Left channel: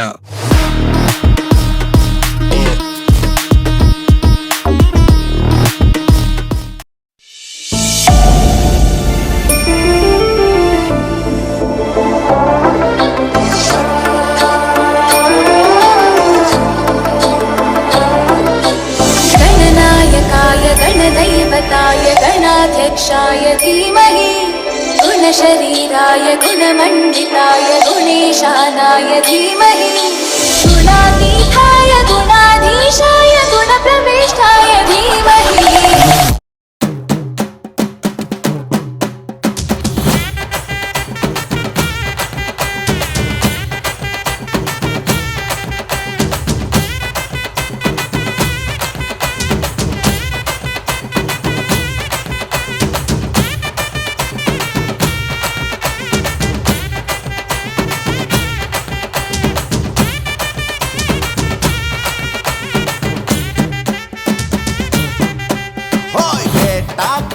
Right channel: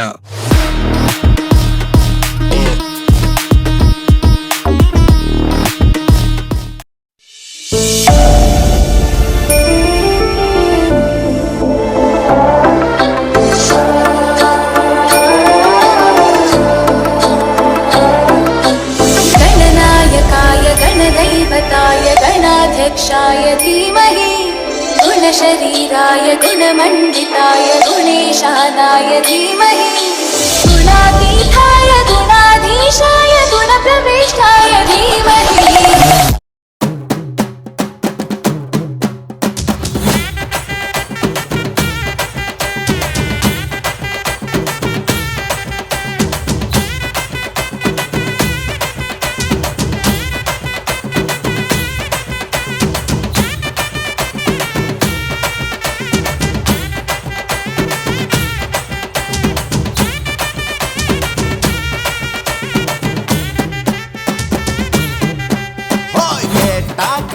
Yeah. गणदैवताय गणाध्यक्षाय धीमहि गुणशरीराय गुणमण्डिताय गुणेशानाय धीमहि गुणातीताय गुणाधीशाय गुणप्रविष्टाय धीमहि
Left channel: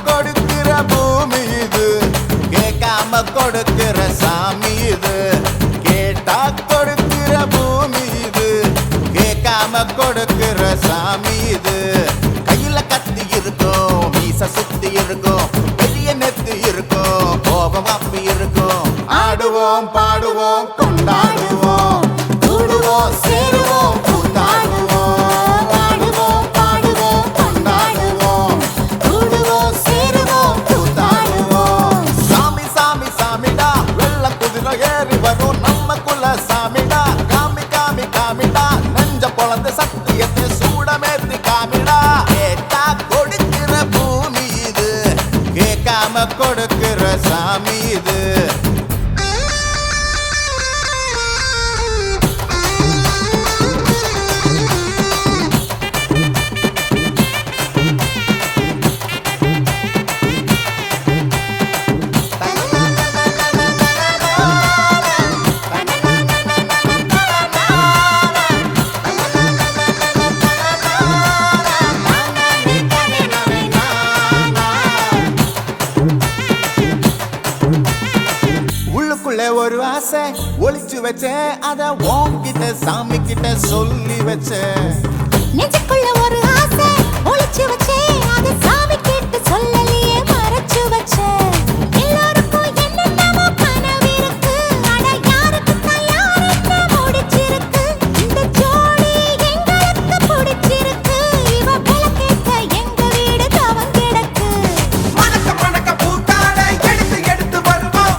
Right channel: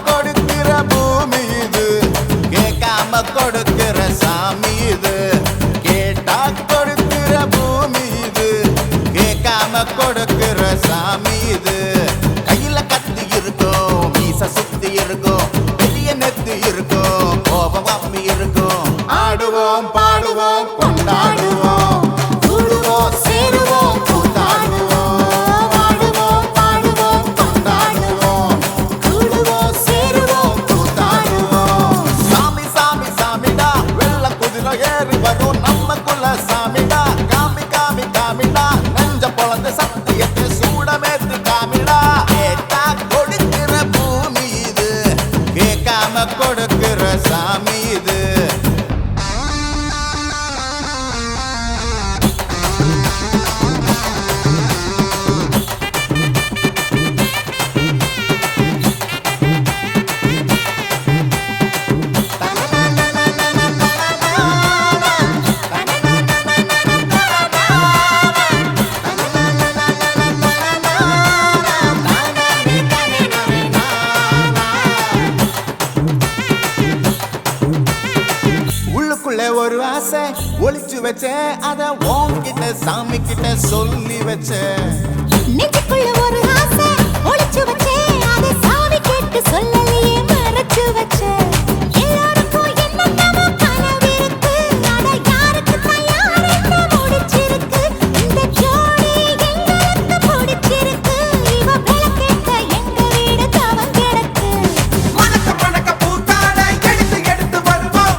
கொடுக்கிற பூமி இது கேட்காம கொடுக்கிற சாமி இது கேட்டா கொடுக்கிற பூமி இது கேட்காம கொடுக்கிற சாமி இது கையில கத்தி இருக்கும் மீச சுத்தி இருக்கும் பெரிய நெத்தி இருக்கும் கோபம் அப்பி இருக்கும் ஆடுவோம் பாடுவோம் கொண்டாடுவோம் கூடுவோம் சேருவோம் கூத்தாடுவோம் ஏறி வரும் நம்ம குல சாமிடா காமி காமி காமிடா நெஞ்ச பொழந்த சத்தியத்தை சூடமேத்தி காமிடா கேட்டா கொடுக்கிற பூமி இது கேட்காம கொடுக்கிற சாமி இது ஒரு ஆசை ஒளிச்சு வச்சேன் அத உன்கிட்ட சாமி கிட்ட சொல்லி வச்சேன் நெஞ்சுக்குள்ள ஒரு ஆசை ஒளிச்சு வச்சேன் அத சாமி கிட்ட சொல்லலியே மறைச்சு வச்சேன் எல்லாருக்கும் என்னென்னமோ கனவு இருக்கு அட யாருக்கு தயார் என்ன முடிச்சிருக்கு இந்த ஜோடி எங்களுக்கு பிடிச்சிருக்கு இவ போக்கிட்ட எங்க வீடு தவம் கிடக்கு மணக்க மணக்க பூத்தாட எடுத்து எடுத்து வருவோம்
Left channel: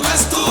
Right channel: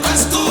Kasturi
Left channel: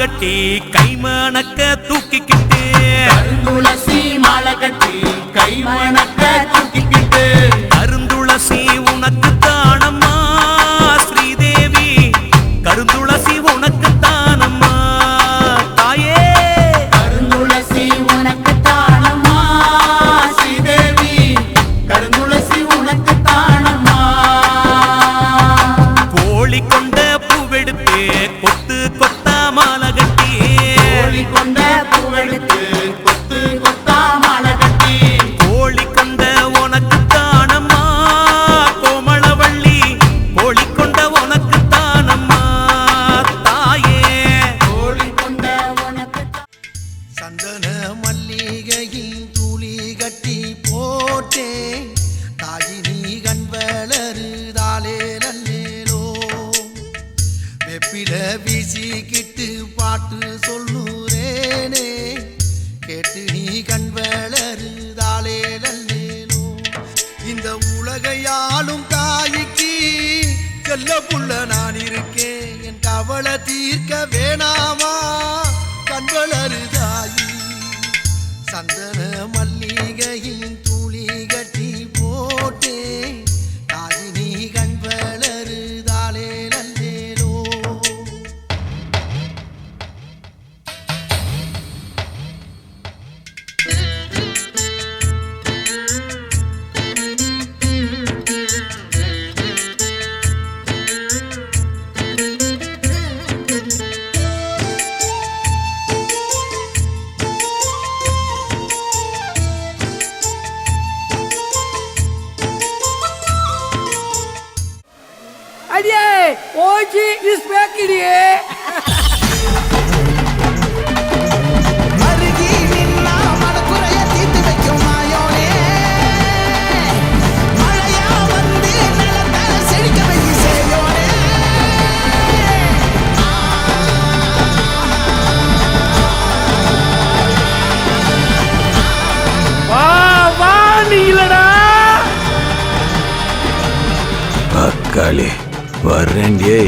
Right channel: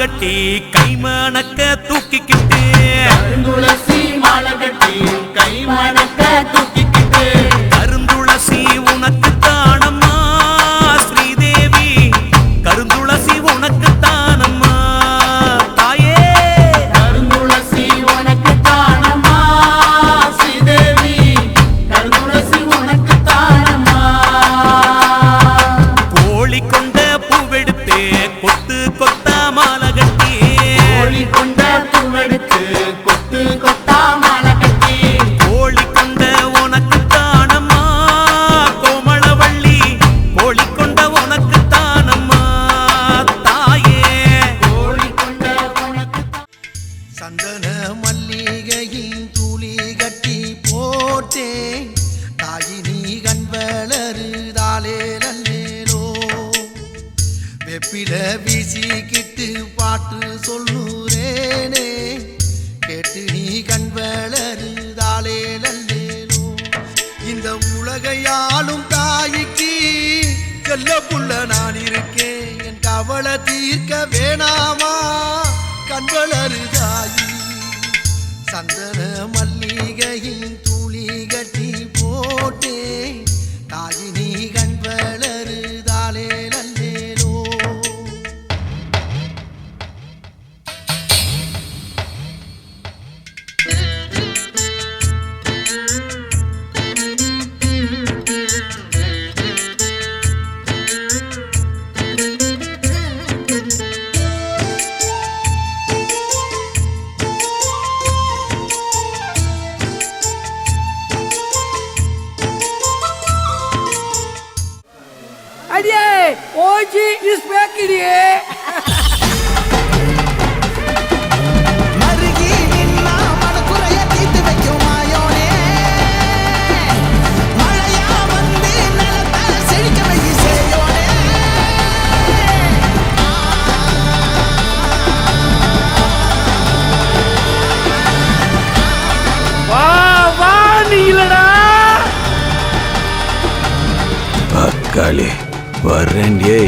கட்டி கைமணக்க தூக்கிக்கிட்டு துளசி மாலை கட்டி கைவணக்க தூக்கிக்கிட்டு கருந்துளசி உனக்கு தானம்மா ஸ்ரீதேவி கருந்துளசி உனக்கு தானம்மா தாயே கருந்துளசி உனக்கு தானம்மா ஸ்ரீதேவி கருந்துளசி உனக்கு தானம்மா கோழி கொண்ட பூவெடுத்து கொத்து கொத்தா மாலை கட்டி கோழி கொண்ட பூவெடுத்து கொத்து கொத்தா மாலை கட்டி கோழி கொண்ட உனக்கு தானம்மா கோமளவள்ளி கோழி கொண்ட உனக்கு தானம்மா தாயே கோழி கொண்ட உனக்கு சந்தன மல்லிகையின் துளி கட்டி போட்டேன் தாயினி கண் வளருதாலே நல்லேலோ வெப்பில வீசிக்கிட்டு பாட்டு சொல்லுறேனே கேட்டு நீ கண் வளருதாலே நல்லேலோ இந்த உலகையாளும் தாய்க்கு செல்ல புள்ள நான் இருக்கேன் என் கவலை தீர்க்க வேணாமா கண் வளருதாயி சந்தன மல்லிகையின் துளி கட்டி போட்டே தாயினி கண் வளருதாலே நல்லேலோ Aye, hoje espequerie. மருகி நின்னா மனக்குறைய தீர்த்து வைக்கும் மாயோனே மழையா வந்து நிலத்தை செழிக்க வைக்க செய்யோனே வா வா நீலடா. அக்காளி வர்றேன்டியே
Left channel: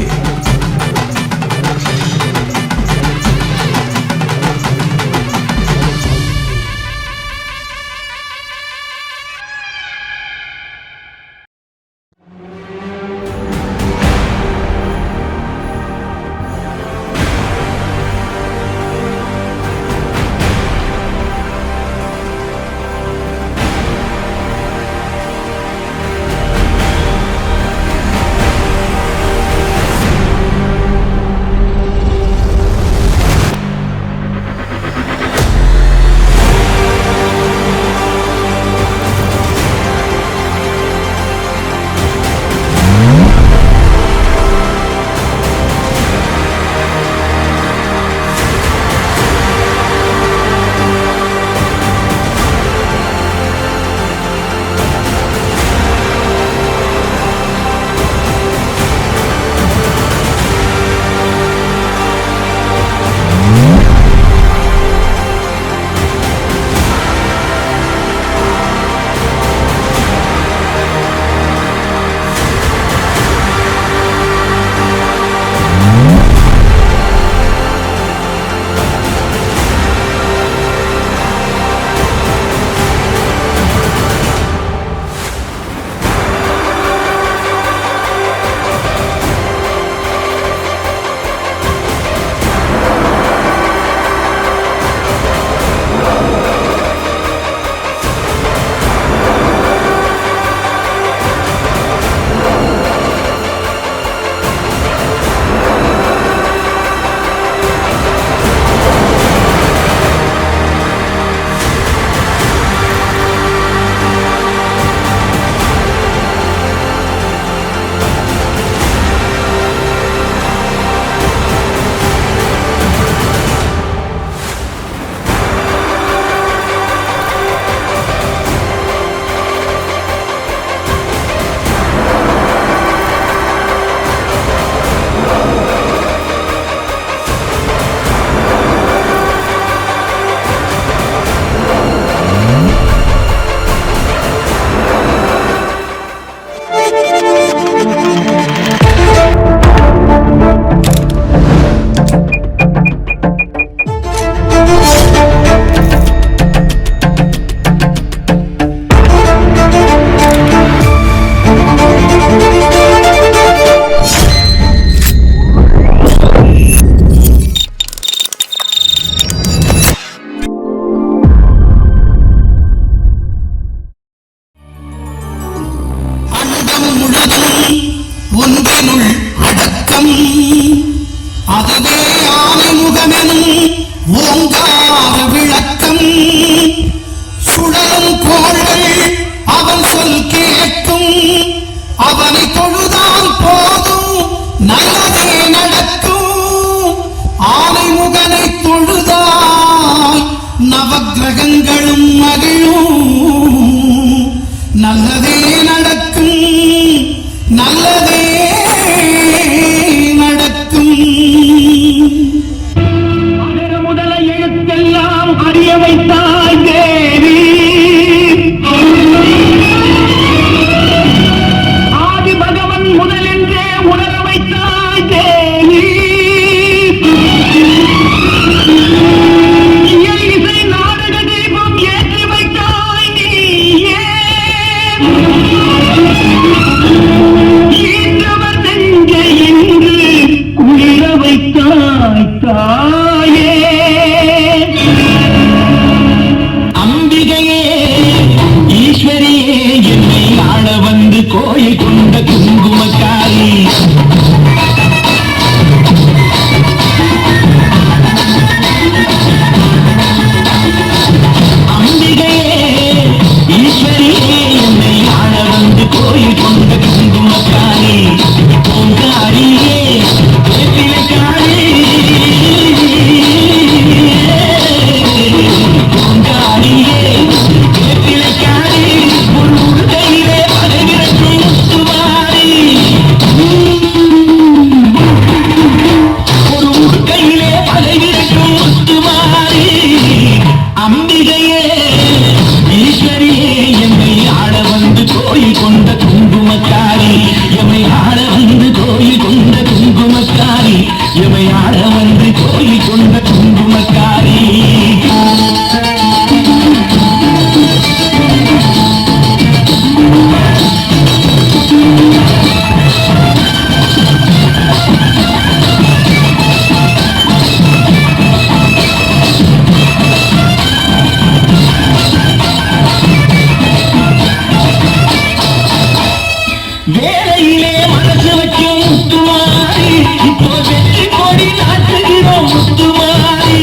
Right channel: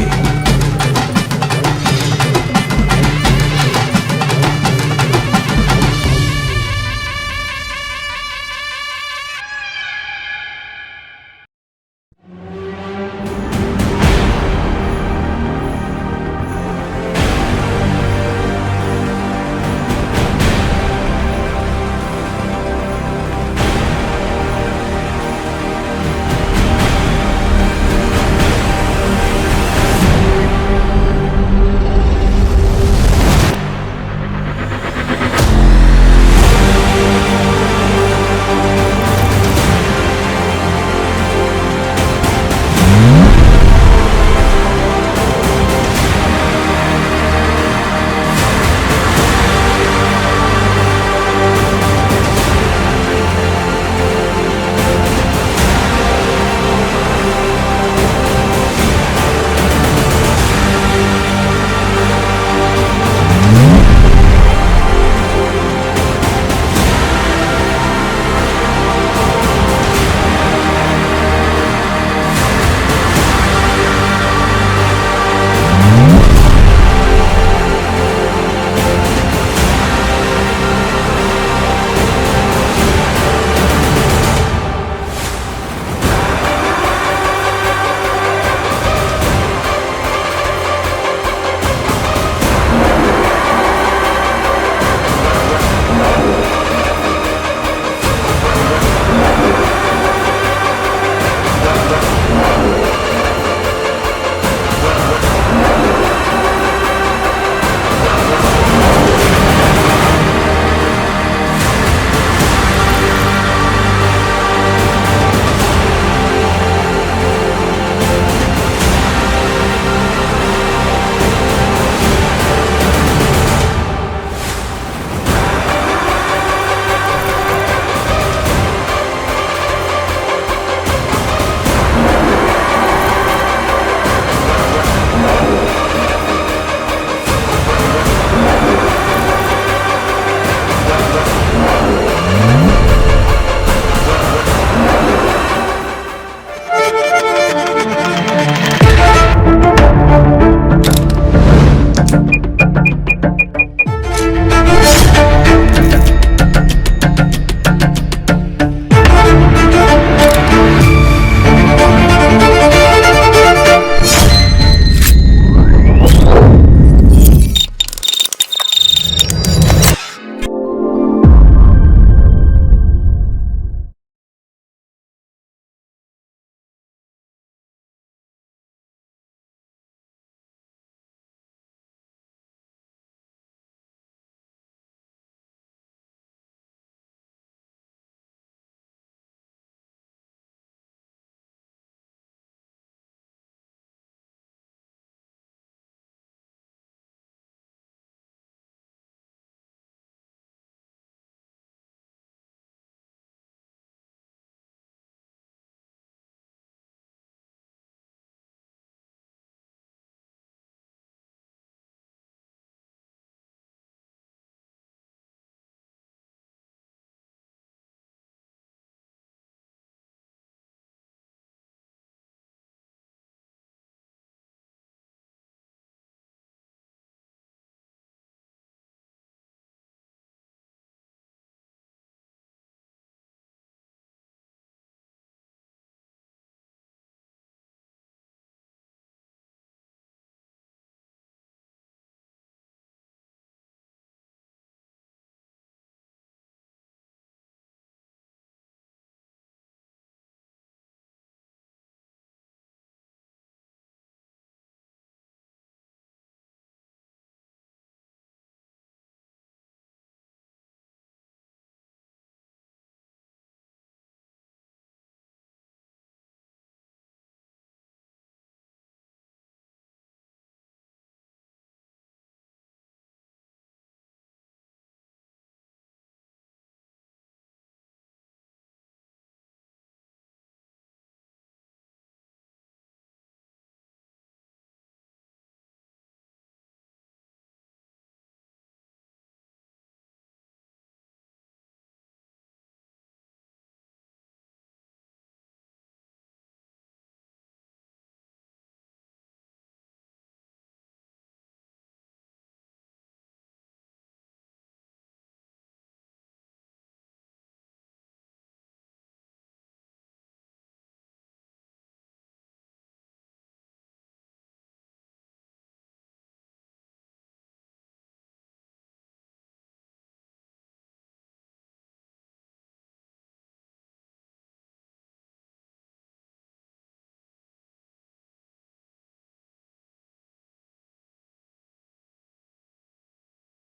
ஓங்கார விளக்கம் சுடரும் கோள்கள் அவன் சொல் கேட்கும் அவனை தொழுதால் போதும் நல்லதே நடக்கும் ஆனை முகனை தொழுதால் நவக்கிரகங்களும் மகிழும் நல்லதே நடக்கும் நல்லதே நடக்கும் முதல எழுத்தெல்லாம் அறிய வைத்தாய் தேவி ஆதி பகவன் முதலென்றே உணர வைத்தாய் தேவி இயல் இசை நாடக தீபம் ஏற்றி வைத்தாய் நீயே ஈன்றவர் நெஞ்சை என்று குளிர வைத்தாய் தாயே அம்பிகையே ஈஸ்வரியே என்னை ஆள வந்து கோயில் கொண்ட குங்குமக்காரி அம்பிகையே ஈஸ்வரியே என்னை ஆள வந்து கோயில் கொண்ட குங்குமக்காரி பூங்காரியே வேப்பிலைக்காரி பூங்காரியே வேப்பிலைக்காரி ஒரு உடுக்கையிலே பதவிரட்டும் முத்துமாரி ஒரு உடுக்கையிலே பதவிரட்டும் முத்துமாரி அம்பிகையே ஈஸ்வரியே என்னை ஆள வந்து கோயில் கொண்ட குங்குமக்காரி எமை ஆள வந்து கோயில் கொண்ட குங்குமக்காரி எமை ஆள வந்து கோயில் கொண்ட குங்குமக்காரி வேலையிலே மனசு வைக்கும் முத்துமாரி இப்போ வெற்றி கொடி நாட்டுகிறோம் முத்துமாரி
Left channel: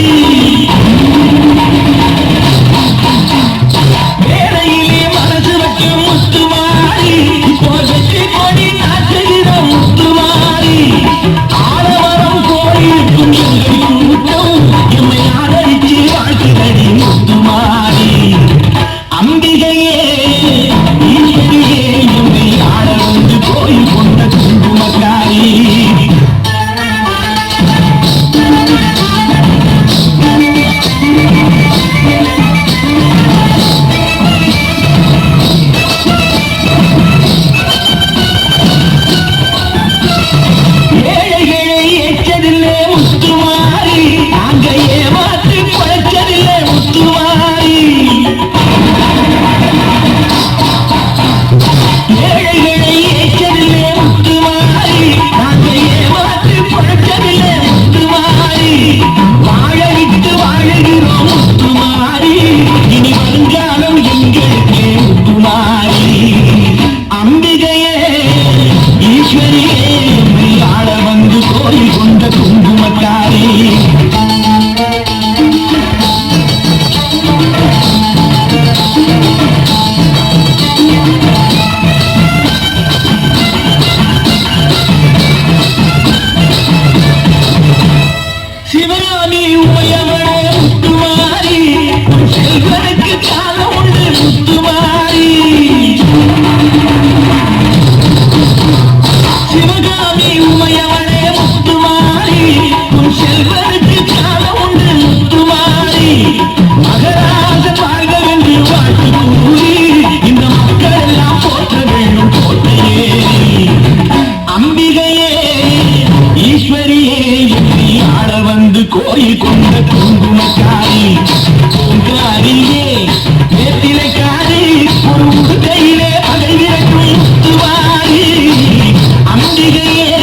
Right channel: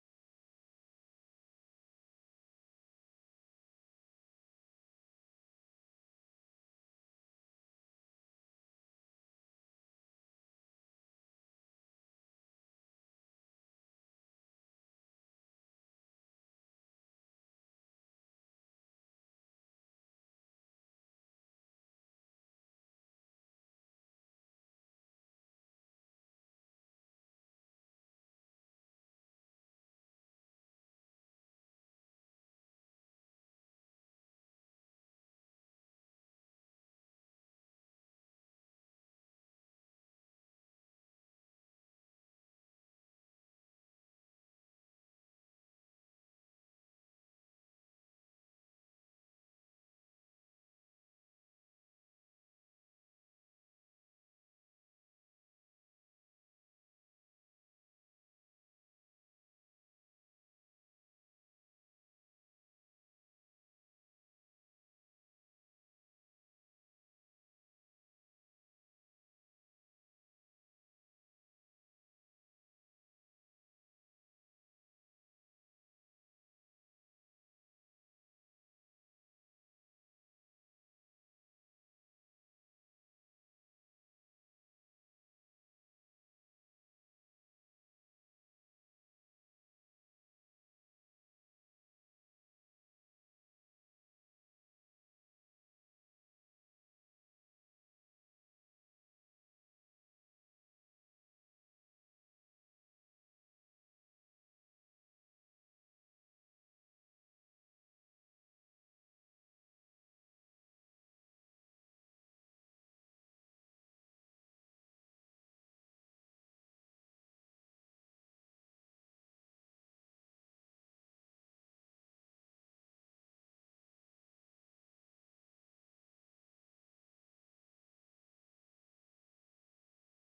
வேலையிலே மனசு வைக்கும் முத்துமாரி இப்போ வெற்றி கொடி நாட்டுகிறோம் முத்துமாரி ஆலவரம் கோயிலுக்கும் எங்கள் கூட்டம் எம்மை ஆதரித்து வாழ்த்துதடி முத்துமாரி அம்பிகையே ஈஸ்வரியே எம்மை ஆள வந்து கோயில் கொண்ட குங்குமக்காரி ஏழைகளை ஏற்றதில்லை முத்துமாரி நாங்க ஏமாற்றி பழச்சதில்லை முத்துமாரி ஏழைகளை ஏற்றதில்லை முத்துமாரி நாங்க ஏமாற்றி பழச்சதில்லை முத்துமாரி வாழ விட்டு வாழுகிறோம் முத்துமாரி இனி வருங்காலம் எங்களுக்கே முத்துமாரி அம்பிகையே ஈஸ்வரியே எம்மை ஆள வந்து கோயில் கொண்ட குங்குமக்காரி சிவகாமி உமையவளே முத்துமாரி உன் செல்வனுக்கு காலம் உண்டு முத்துமாரி சிவகாமி உமையவளே முத்துமாரி உன் செல்வனுக்கு காலம் உண்டு முத்துமாரி மகராஜ வாழ்க வென்று வாழ்த்து கூறி இந்த மக்கள் எல்லாம் போற்ற வேண்டும் போற்றையே அம்பிகையே ஈஸ்வரியே என்னை ஆள வந்து கோயில் கொண்ட குங்குமக்காரி பூங்காரியே வேப்பிலைக்காரி ஒரு உடுக்கையிலே பகைவிரட்டும் முத்துவாரி அம்பிகையே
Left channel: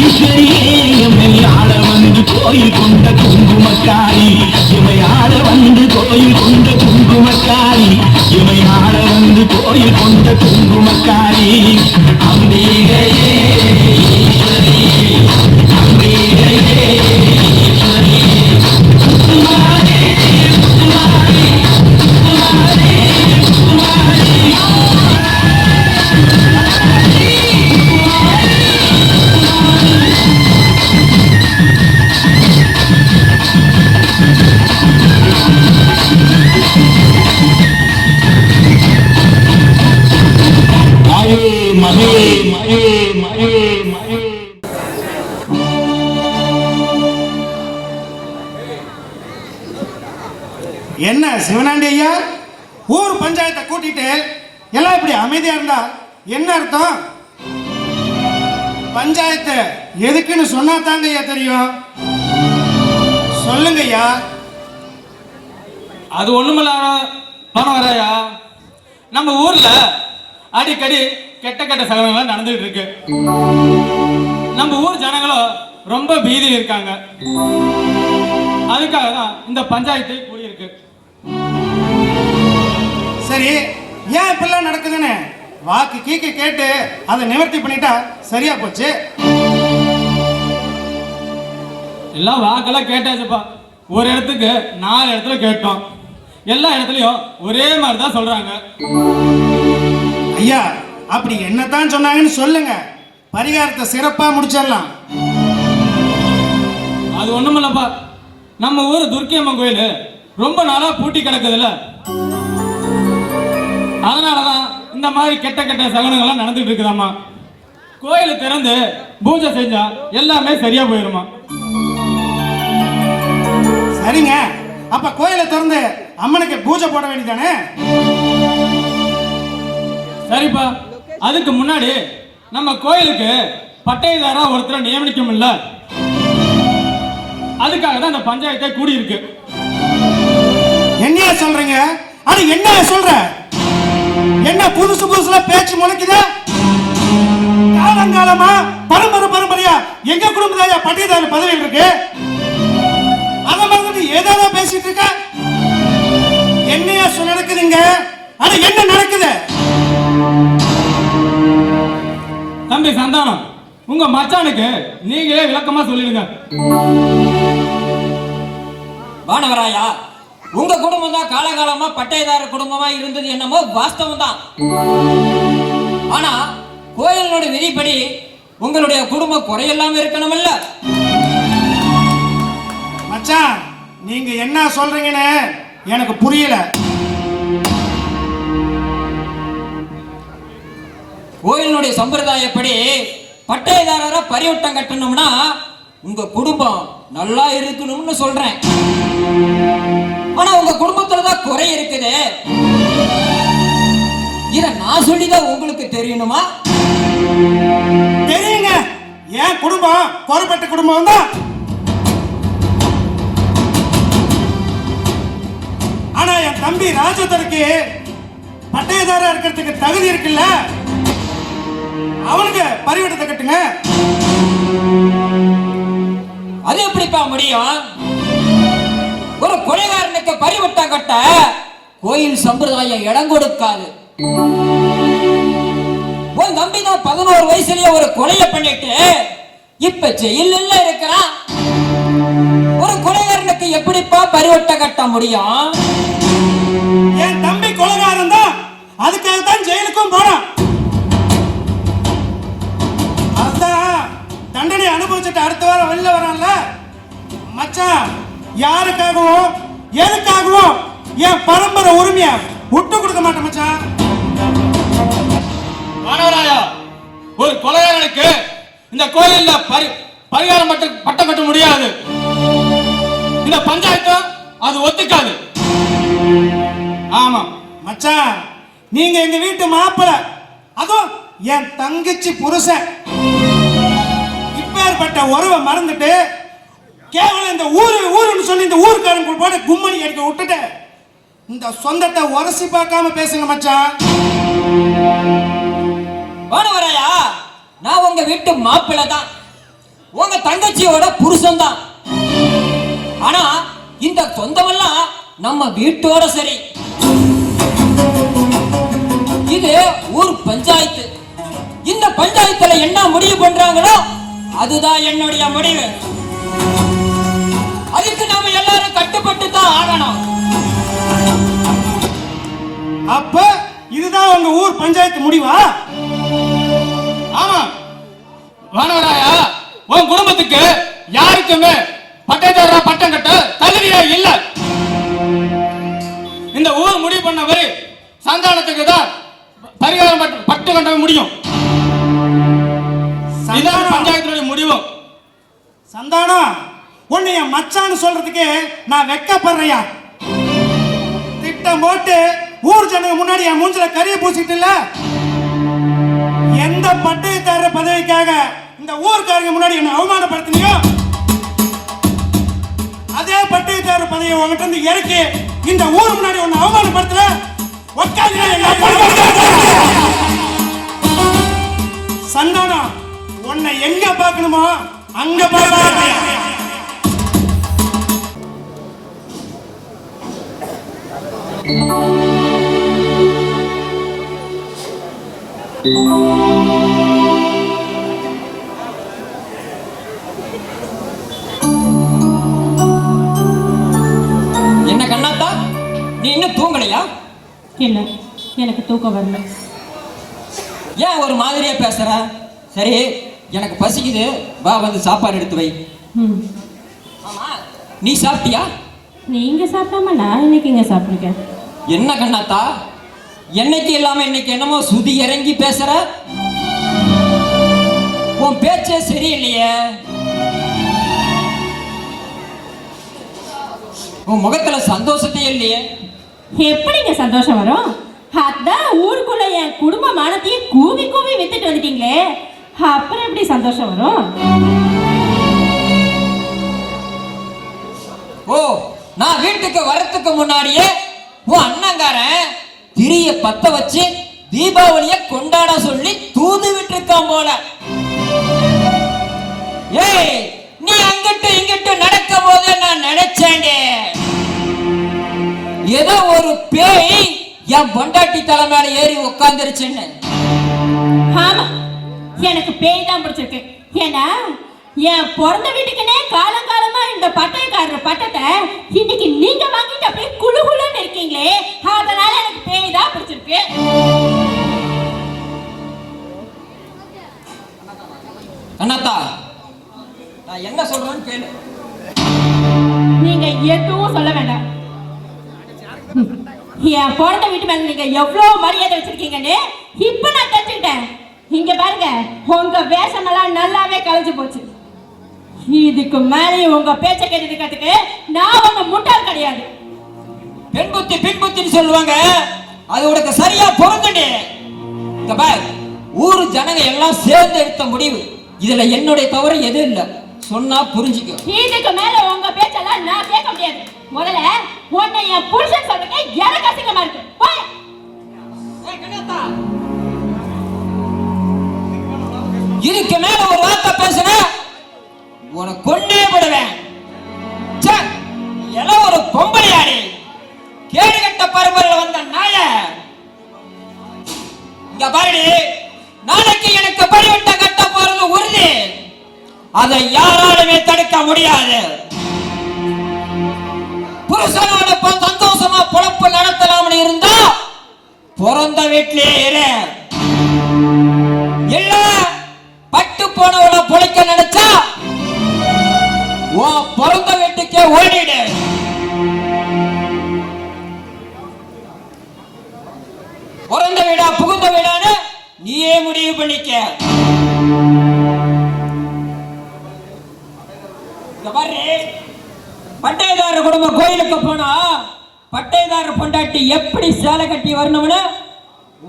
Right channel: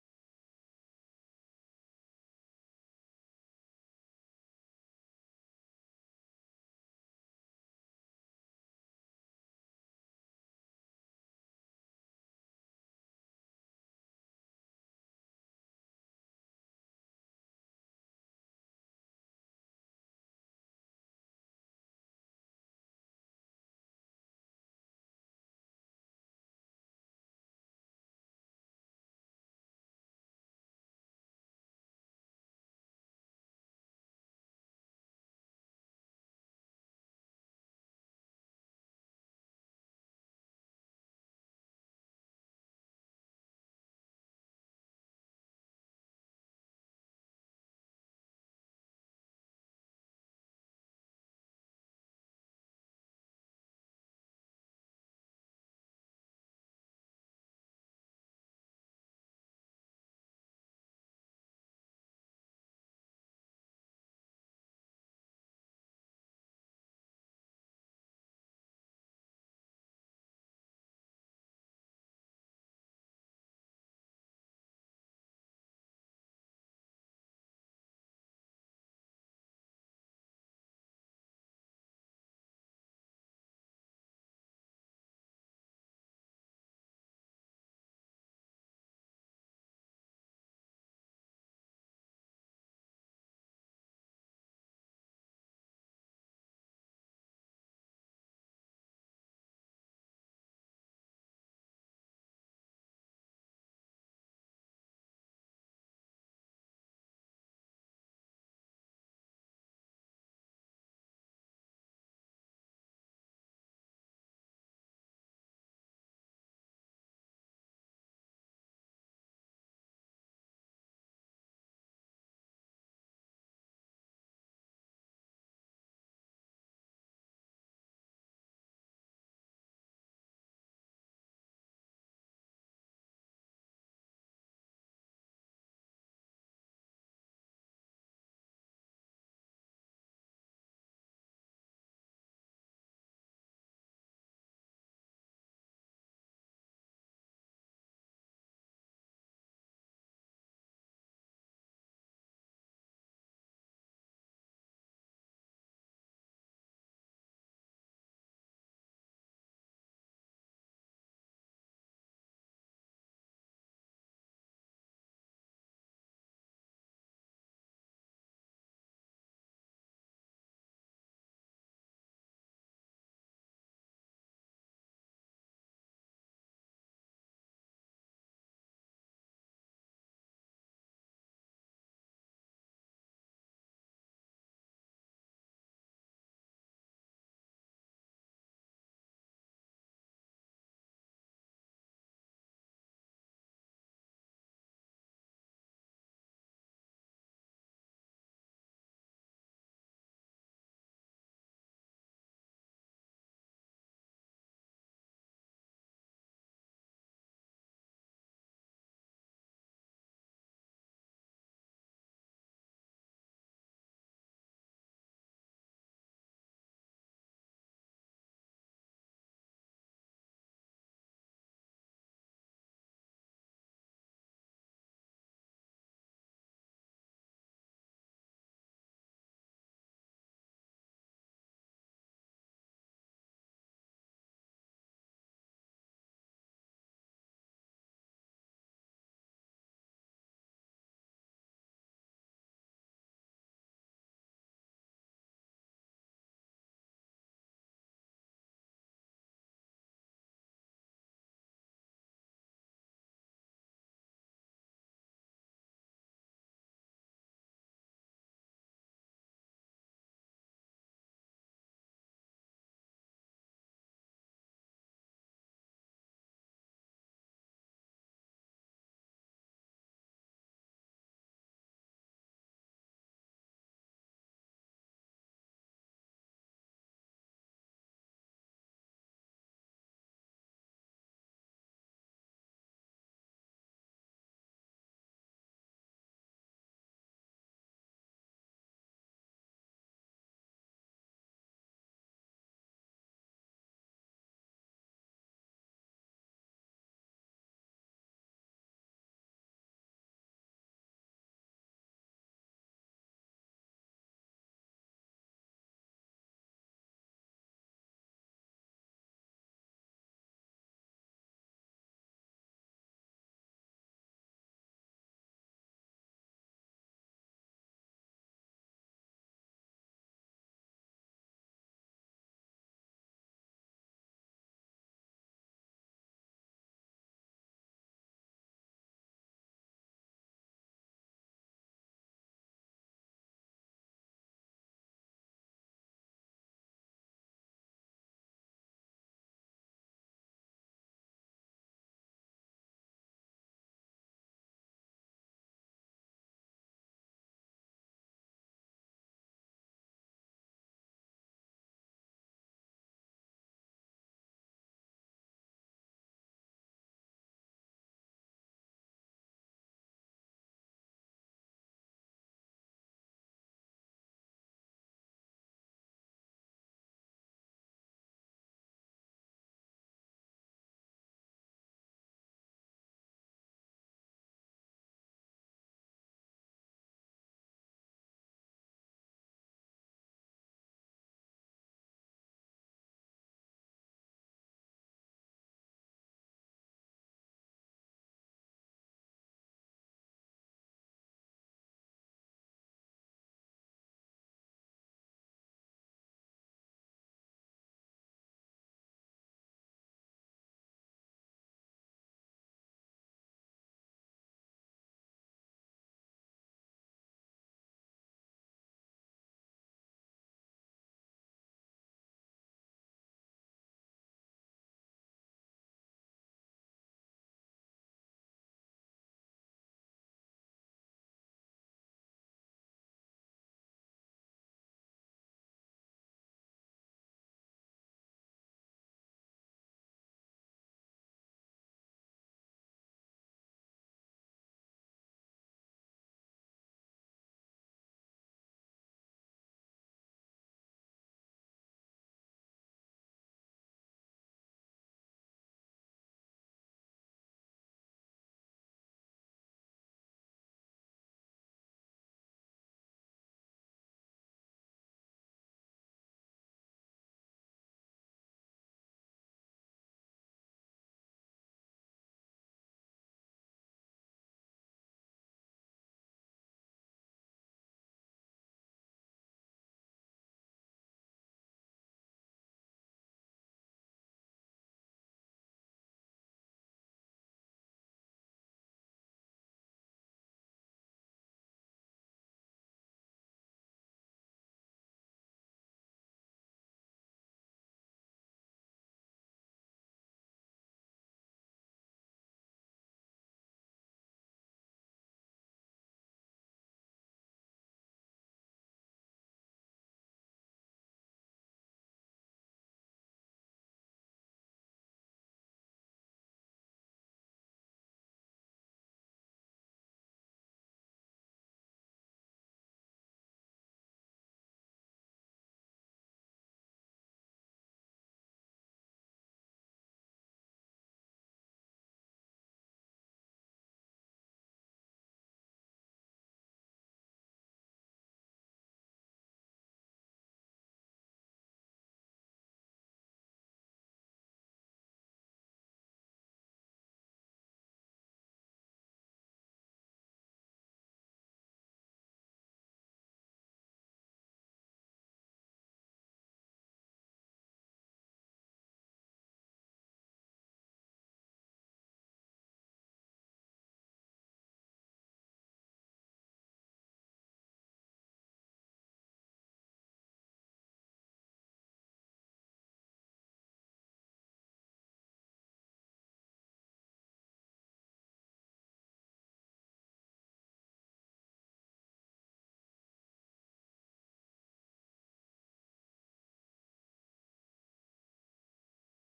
ஈஸ்வரியே எம்மை ஆள வந்து கோயில் கொண்ட குங்குமக்காரி எமை ஆள வந்து கோயில் கொண்ட குங்குமக்காரி எமை ஆள வந்து கோயில் கொண்ட குங்குமக்காரி அம்பிகையே ஈஸ்வரியே அம்பிகையே ஈஸ்வரியே என்ன சிவனாண்டி ஐயா, ஊர் பஞ்சாயத்தை கூட்டிட்டு எல்லாம் இப்படி அமைதியா இருந்தா என்ன அர்த்தம்? பஞ்சாயத்து எதுக்குன்னு சொன்னா தாங்க ஐயா தெரியும். சொல்லுங்க ஐயா. அது ஒண்ணுமில்ல வரையா, நம்ம ஊர்ல அடிக்கடி கெட்ட கெட்ட சகலங்கள் நடந்துட்டு இருக்கு. நம்ம ஊர் ஜனங்களும் ரொம்ப பீதியில் இருக்காங்க. அதுக்காக தான் இந்த பஞ்சாயத்து கூடியிருக்கு. சரி, ஏன் இப்பெல்லாம் நடக்குதுன்னு வாக்கு கீக்கு கேட்டு அதை நிவர்த்தி பண்ணிட்டா சரியா போச்சு. எல்லாம் வாக்கெல்லாம் கேட்டாச்சுப்பா. ஒரு இடத்துக்கு 4 இடத்துல கேட்டோம். எல்லா இடத்துலயும் ஒரே மாதிரி தான் சொல்றாங்க. ஐயா, அப்படி என்னதான் சொன்னாங்கன்னு சொல்லுங்க, பரிகாரத்தை சிறப்பா முடிச்சிடலாம். அது ஒண்ணுமில்லப்பா, நம்ம ஊர் துர்க்கியம்மன் கோயில் ரொம்ப நாளா பூட்டி கிடக்குதுல்ல, அதனாலதான் இந்த மாதிரி கெட்ட கெட்ட சகனங்கள்லாம் நடந்துட்டு இருக்குதாமா. கோயில் திறந்து பூஜை செஞ்சா எல்லாமே சரியா போயிருமா. சரிங்க, அப்ப கோயிலை திறந்து அம்மனுக்கு பூஜை போட வேண்டியதானே? சரிப்பா, அதுக்கு முன்னாடி நம்ம கோயிலுக்கு பட்டைதாரா ஒருத்தரை நியமிக்கும் இல்ல, அதுக்காக தான் இந்த பஞ்சாயத்தை கூடி இருக்கு. என்ன சொல்றீங்க? அது என்ன சொல்ற? என்ன புதுசு புதுசுல பேச்சு முளைக்குதா? காலங்காலமா பரம்பரையா எங்க குடும்பத்தாயா பட்டியதார பதவியில் இருக்கு. அதை மறந்துட்டு ஏதாவது பேசிட்டு இருக்க. என்னையா நடக்குதுங்க? அது என்ன நடக்குது? தம்பி சந்தானம், உங்க மச்சானுக்கு நீங்களே விளக்கமா சொல்லிடுங்க. வானவராயா, உங்க குடும்பம் தான் காலகாலமா பட்டையதார குடும்பமா இருந்தது என்னமோ வாஸ்தவம் தான். ஆனா கோயிலோட விதிப்படி உங்களுடைய குடும்பம் குறையெல்லாம் இருக்கணும்ல. மச்சான், நீங்க என்ன சொல்றீங்கன்னு எனக்கு புரியல. கோயிலுடைய சம்பிரதாயப்படி பட்டையதாரரா பரிவட்டம் கட்டணும்னா உங்க குடும்பம் நல்லா இருக்கணும்னு சொல்றேன். ஆனா உங்க குடும்பத்துல தான் குறை இருக்குது. இத நான் சொல்லிதான் உங்களுக்கு தெரியணுமா? தெரியுங்க, என் குடும்பம் குறைப்பட்ட குடும்பம் தான். ஆனா என் தம்பி ராஜதருக்கு பட்டையதாரா இருக்கிறதுக்கு தகுதி இருக்குல்ல, அவனுக்கு பரிவட்டத்தை கட்டுங்க. அது எப்படிப்பா முடியும்? ஒரு கொலைகாரனுக்கு பரிவட்டம் கட்ட கோயில் சம்பிரதாயம் இடம் கொடுக்காது. உன் தம்பி தான் 11 வயசுலயே ஒரு கொலையை பண்ணிட்டு இப்ப ஜெயில்ல இருக்கிறான். ஒரு கொலைகாரனுக்கு எப்படிப்பா பரிவட்டம் கட்ட முடியும்? என் தம்பி கொலைகாரன் தான், அதுக்காக தான் ஜெயிலுக்கும் போனான். அதான் தண்டனை அனுபவிச்சுட்டு அடுத்த வாரம் வெளில வரான்ல. மச்சான், யாருக்காகவும் எதுக்காகவும் என் பரம்பரை உரிமையா விட்டு கொடுக்க மாட்டேன் மச்சான். வானவராயா, ஒரு கொலையாளனுக்கு இந்த கோயில்ல பரிகாரம் பட்டம் கட்ட முடியாது. இந்த பஞ்சாயத்து அது ஒத்துக்காது. ஆமா மச்சான், நீங்க எங்க வீட்டு மாப்பிள்ளை, அதுவும் என் தங்கச்சி புருஷன். இப்பேற்பட்ட உறவை மறந்துட்டு கேவலம் இந்த ஊருன்னு சொல்லி இந்த ஊருக்காரங்க போட்டு கும்மணி அடிக்க விட்டுட்டு இந்த சொந்தத்தை உரசி பார்க்காம பேசுங்க மச்சான். வானவராயா, நான் உங்க வீட்டு மாப்பிள்ளை தான், உங்க தங்கச்சியோட புருஷன் தான். ஆனா இந்த சொந்தமெல்லாம் நம்ம வீட்டோட சரி. இது ஊர் பஞ்சாயத்து. இந்த பஞ்சாயத்துல என்ன முடிவு பண்றாங்களோ அதுதான் என்னுடைய முடிவு. அதுக்கு நாம எல்லாரும் கட்டுப்பட்டு தான் ஆகணும். அப்ப இதுதான் உங்க ஊர் பஞ்சாயத்து முடிவா? ஆமா வானவராயா, உன் குடும்பத்துக்கு யாருக்குமே பட்டைதாரா பட்டம் கட்ட தகுதியே இல்ல. இந்த ஊர் முடிவு பண்ணவரை சந்தானத்துக்கு தான் பரிகாரம் பட்டு கட்ட முடியும். இதான் பஞ்சாயத்தினுடைய முடிவு. சந்தானம், உன்னை என் மச்சான்னு சொல்றதுக்கு நான் வெக்கப்படுறையா. திட்டம் போட்டு ஊர் ஜனங்க முன்னாடி என் மூஞ்சில கரிய பூசிட்டு இல்ல, எந்த பட்டயத்தாரர் பதவிக்காக இந்த ஊர்க்காரங்க முன்னாடி என்ன அவமானப்படுத்தினியோ அதே பட்டயத்தாரர் பதவியை உங்ககிட்ட இருந்து இறக்கி இந்த ஊர் முன்னாடி உன்னை அவமானப்படுத்தல. சந்தானம், உன்னை எங்க பார்க்கணுமோ அங்க பார்க்க. என்ன கண்ணாத்தா, நீ இன்னும் தூங்கலையா? இல்ல, எனக்கு தூக்கம் வரல. ஏன் ஒரு மாதிரியா பேசுற? சரி, எனக்கு பசிக்குது, வா வந்து சாப்பாடு எடுத்து வை. ஆமா, நீ சாப்பிட்டியா? நீங்க சாப்பிடாம நான் இன்னைக்கு இங்க சாப்பிட்டுருக்கேன். என்ன கண்ணாத்தா, என்னைக்கு இல்லாம இன்னைக்கு என்னமோ சுதி இறங்கி பேசுற? உன் பேச்சே சரியில்லையே. உன் முகத்துல சந்தோஷத்தையே இல்லையே. எப்படிங்க சந்தோஷம் வரும்? அதான் ஊருக்குள்ள என் குடும்ப மானத்தையே கூவி கூவி வித்துட்டு வந்துட்டீங்களே, அப்புறம் எப்படி சந்தோஷம் வரும்? ஓ, நான் வீட்டுக்கு வரத்துக்கு முன்னாடியே உன் அண்ணங்காரன் திரிய பத்த வச்சு தீபாவளிய கொண்டாட சொல்லி தூது விட்டுருக்கான் போல. ஏய், நீ அங்கிட்டு இங்கிட்டு நடக்கும் போது நான் நினைச்சேன்டே, ஏதோ ஒரு பேய் என் பொண்டாட்டி தலை மேல ஏறி உட்கார்ந்துருச்சுன்னு. ஆமா, எனக்கு பேய் தான் பிடிச்சிருக்கு. ஏன்னா என் பிறந்த வீட்டுக்குன்னே காலங்காலமா இந்த பட்டயக்காரர் பட்டத்தை இன்னைக்கு நீங்க வாங்கிட்டு அப்படியே குழு குழுன்னு இருக்கீங்களே, அதனால எனக்கு பேய் தான் பிடிச்சிருக்கு. அண்ணாத்தா, நான் என்ன சொல்றேன்னு கேளு. நீங்க எதுவும் சொல்ல வேண்டாம். என் பிறந்த வீட்டு மேல நீங்க எவ்வளவு மரியாதை வச்சிருக்கீங்கன்னு இப்ப நான் தெரிஞ்சுக்கிட்டேன். இங்க பாருங்க, உங்க வேஷமெல்லாம் நல்லாவே கலைஞ்சு போச்சு. இதுக்கு மேலே உங்க பேச்ச கேட்டுக்கிறதுக்கு நான் உங்க முட்டாள் கிடையாது. பெண் புத்தி பின் புத்தின்னு சொல்லுவாங்க, அது உனக்கு சரியா பொருந்துடு. இங்க பாரு, ஊரு ஜனங்க எல்லாம் சேர்ந்து எடுத்த முடிவு, இதுல என்னுடைய தவறு எதுவும் இல்ல, சொன்னா புரிஞ்சுக்கோ. இதுக்கு மேல உங்க பேச்செல்லாம் நான் கேட்க முடியாது. முதல்ல உன்னை என் புருஷன் சொல்றதுக்கு எனக்கு அசிங்கமா இருக்கு. போய். இதுக்கு மேல ஒரு வார்த்தை பேசுன உனக்கு கொண்டே விடுவேன். எல்லாம் ஒரு பொம்பளையாடி, கேடுகட்ட பரம்பரையில் வந்த நாய. இங்க பாருடி, நாளைக்கு எனக்கு பரிவட்ட கட்ட போறது உறுதி, அதை யாராலுமே தடுக்க முடியாது. புருஷனோட சந்தோஷமா பொழப்பு நடத்தலாம்னு இருந்தா பிறந்த வீட்டிலே இரு. இல்ல பட்டு போனவள பொழைக்க நினைச்சா உன் பிறந்த வீட்டுக்கே ஓடிடு. பிறந்த வீடா புகுந்த வீடான்னு நீயே முடிவு பண்ணிக்க. பட்டயதார குடும்பம் கோயிலுக்கு போனா பட்டயதார பொண்டாட்டி எப்படி சேலை கட்டி வரணும்னு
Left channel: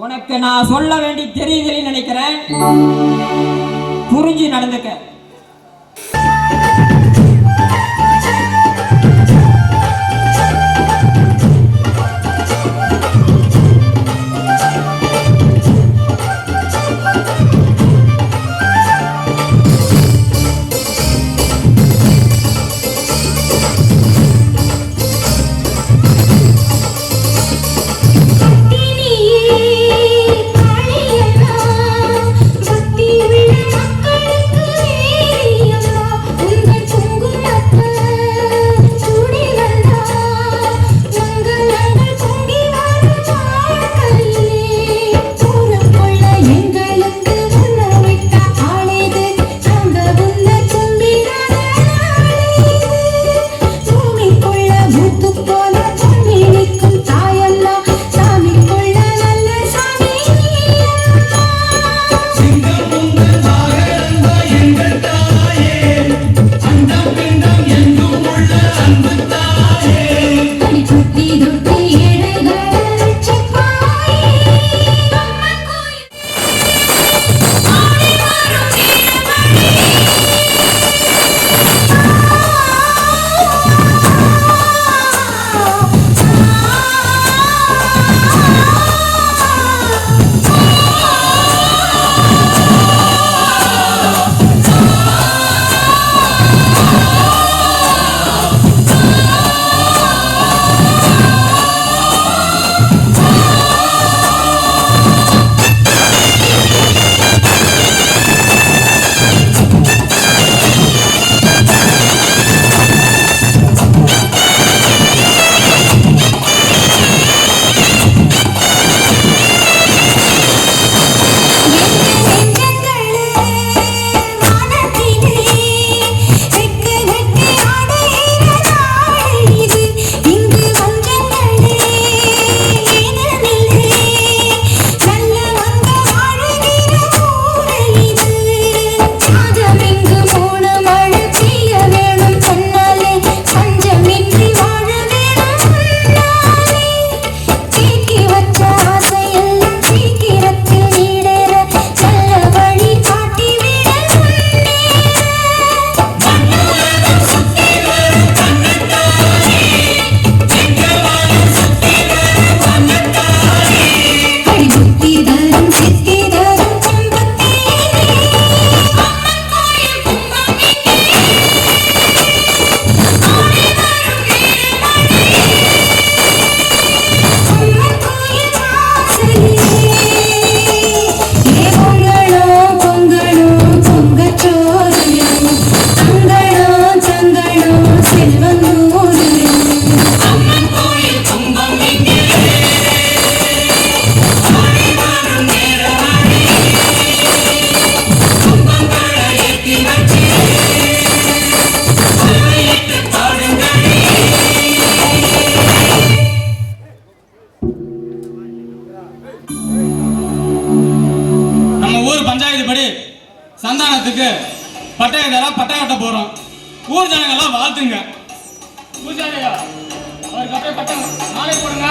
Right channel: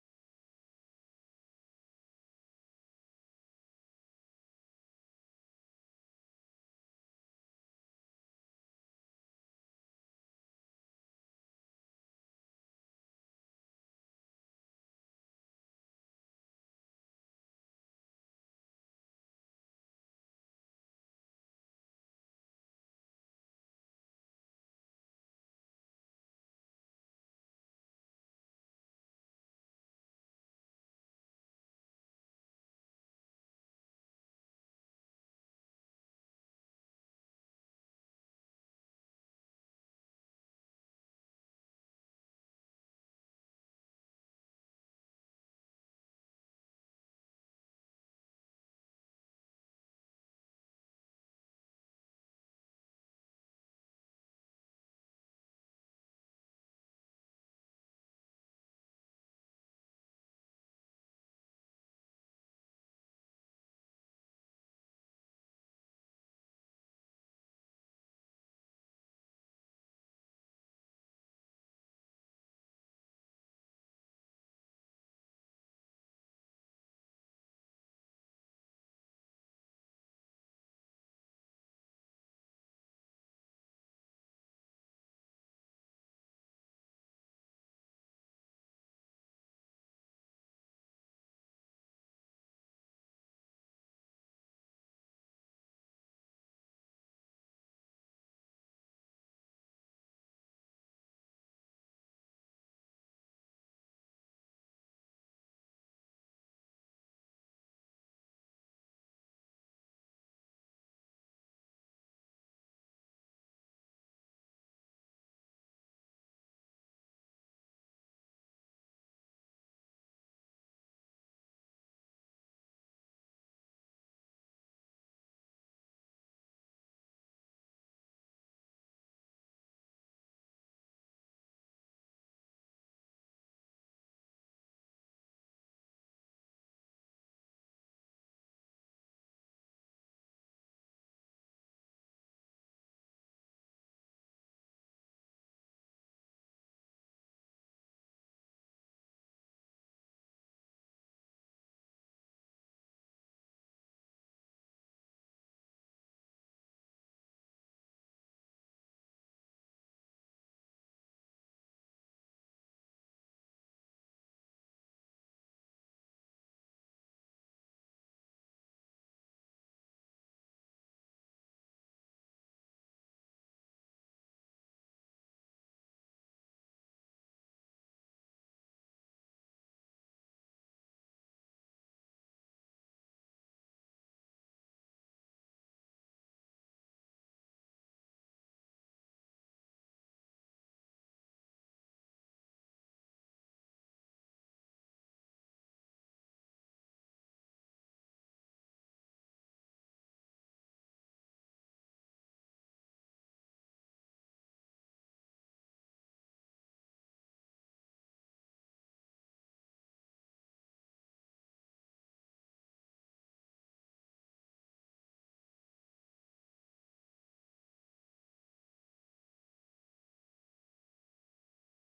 உனக்கு நான் சொல்ல வேண்டி தெரியுதுன்னு நினைக்கிறேன். புரிஞ்சு நடந்துக்க. பக்தி விழ மக்களுக்கு கல்யாணத்துக்கு பட்டயம் கட்ட போறோம். ஊர் ஜனங்கள்லாம் வாழ்த்துங்க. பூஜாரியா அவருக்கு அப்படியே பட்டம் நாளை போடுங்க.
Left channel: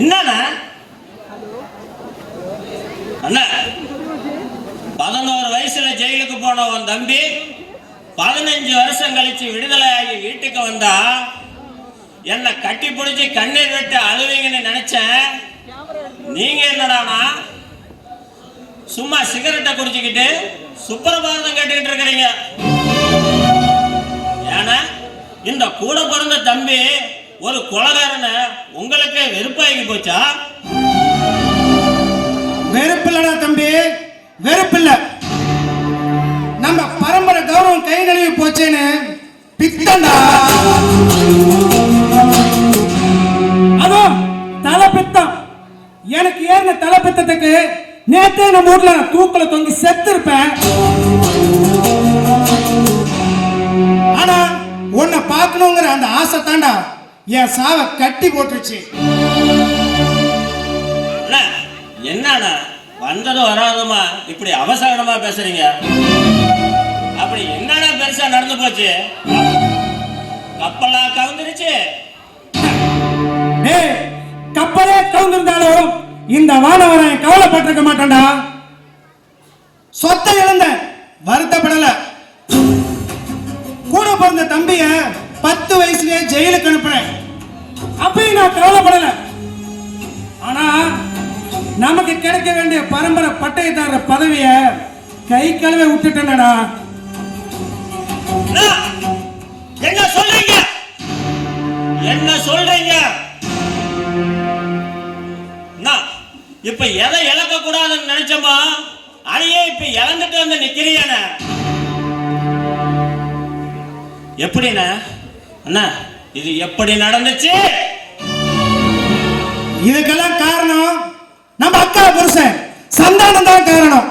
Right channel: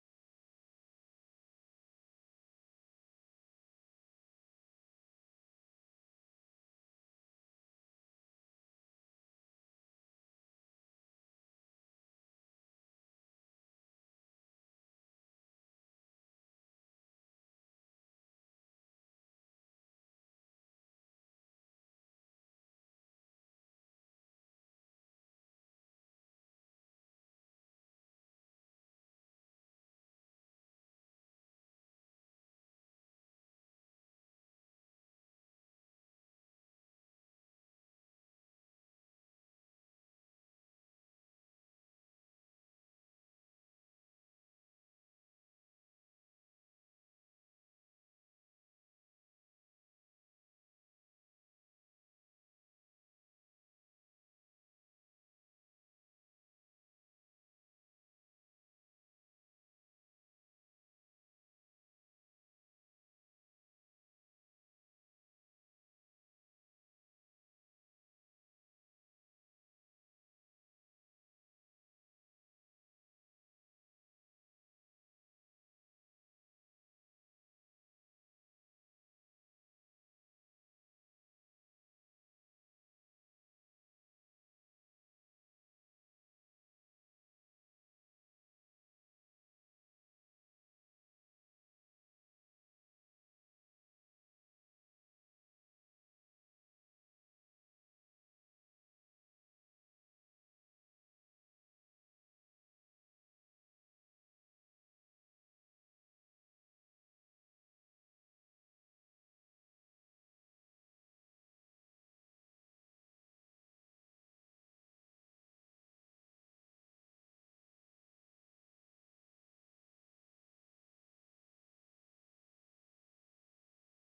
என்னண்ணா அண்ணா 11 வயசுல ஜெயிலுக்கு போன உன் தம்பி 15 வருஷம் கழிச்சு விடுதலை ஆகி வீட்டுக்கு வந்தா என்ன கட்டி பிடிச்சி கண்ணீர் விட்டு அழுவீங்கன்னு நினைச்சேன். நீங்க என்னடானா சும்மா சிகரெட்டை குடிச்சுக்கிட்டு சுப்பிரபாதம் கேட்டுக்கிட்டு இருக்கிறீங்க. ஏன்னா இந்த கூட பிறந்த தம்பி ஒரு கொலைகாரனை உங்களுக்கு வெறுப்பாகி போச்சா? வெறுப்பில்லடா தம்பி, வெறுப்பில்ல. நம்ம பரம்பரை கௌரவம் கை நழுவி போச்சேன்னு பித்தண்டா. அதுவும் தலை பித்தம். எனக்கு ஏறின தலை பித்தத்துக்கு நேற்றே நம்ம ஊர்ல தூக்கல தொங்கி செத்து இருப்பேன். ஆனா உன்னை பார்க்கணுங்கிற அந்த ஆசை தாண்டா என் சாவை கட்டி போட்டுருச்சு. என்னண்ணா வந்ததும் வராதுமா இப்படி அவசரமா பேசுறீங்க? அப்படி என்னடா பெருசா நடந்து போச்சு? கப்பலா கவுந்துருச்சு? கப்பலே கவுந்திருந்தாலும் இந்த வானவரன் கவலைப்பட்டிருக்க மாட்டான்டா. சொத்தை இழந்த வருத்தப்படல. கூட பிறந்த தம்பிய 10 வயசுலயே ஜெயிலுக்கு அனுப்புறேன். அப்பயும் நான் கவலைப்படல. ஆனா நமக்கு கிடைக்க வேண்டிய பரம்பரை பட்டயத்தார பதவிய கை கழுவ விட்டுட்டேனடா. என்ன சொல்றீங்க? என்ன சொல்றீங்க? இப்ப எதை இழக்க கூடாதுன்னு நினைச்சோமா அதையே இப்ப இழந்துட்டு வந்து நிக்கிறியான எப்படின்னா அண்ணா இது எப்படி நடந்துச்சு? இதுக்கெல்லாம் காரணம் நம்ம அக்கா புருஷன் சந்தானம் தான் காரணம்.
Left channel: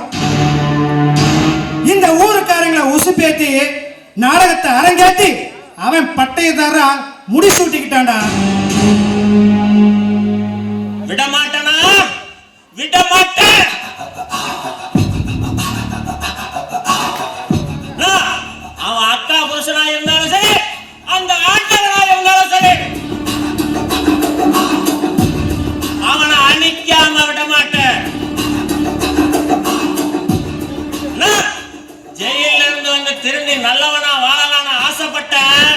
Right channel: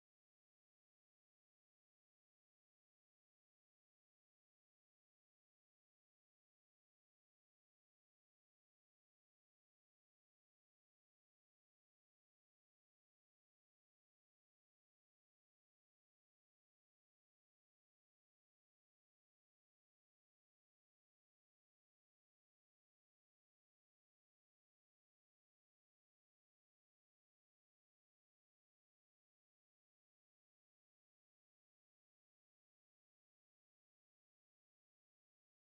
இந்த ஊருக்காரங்களை உசுப்பேத்தி நாடகத்தை அரங்கேத்தி அவன் பட்டயத்தாரா முடிசூட்டிக்கிட்டான்டா. விடமாட்டனா? விடமாட்டேன். அவன் அக்கா புருஷனா இருந்தாலும் சரி, அந்த ஆட்டவனா இருந்தாலும் சரி, அவனை அழிக்காம விடமாட்டேன். ஜெயில இருந்து வந்து திரும்பி நல்லவனா வாழலான்னு ஆசைப்பட்டேன்.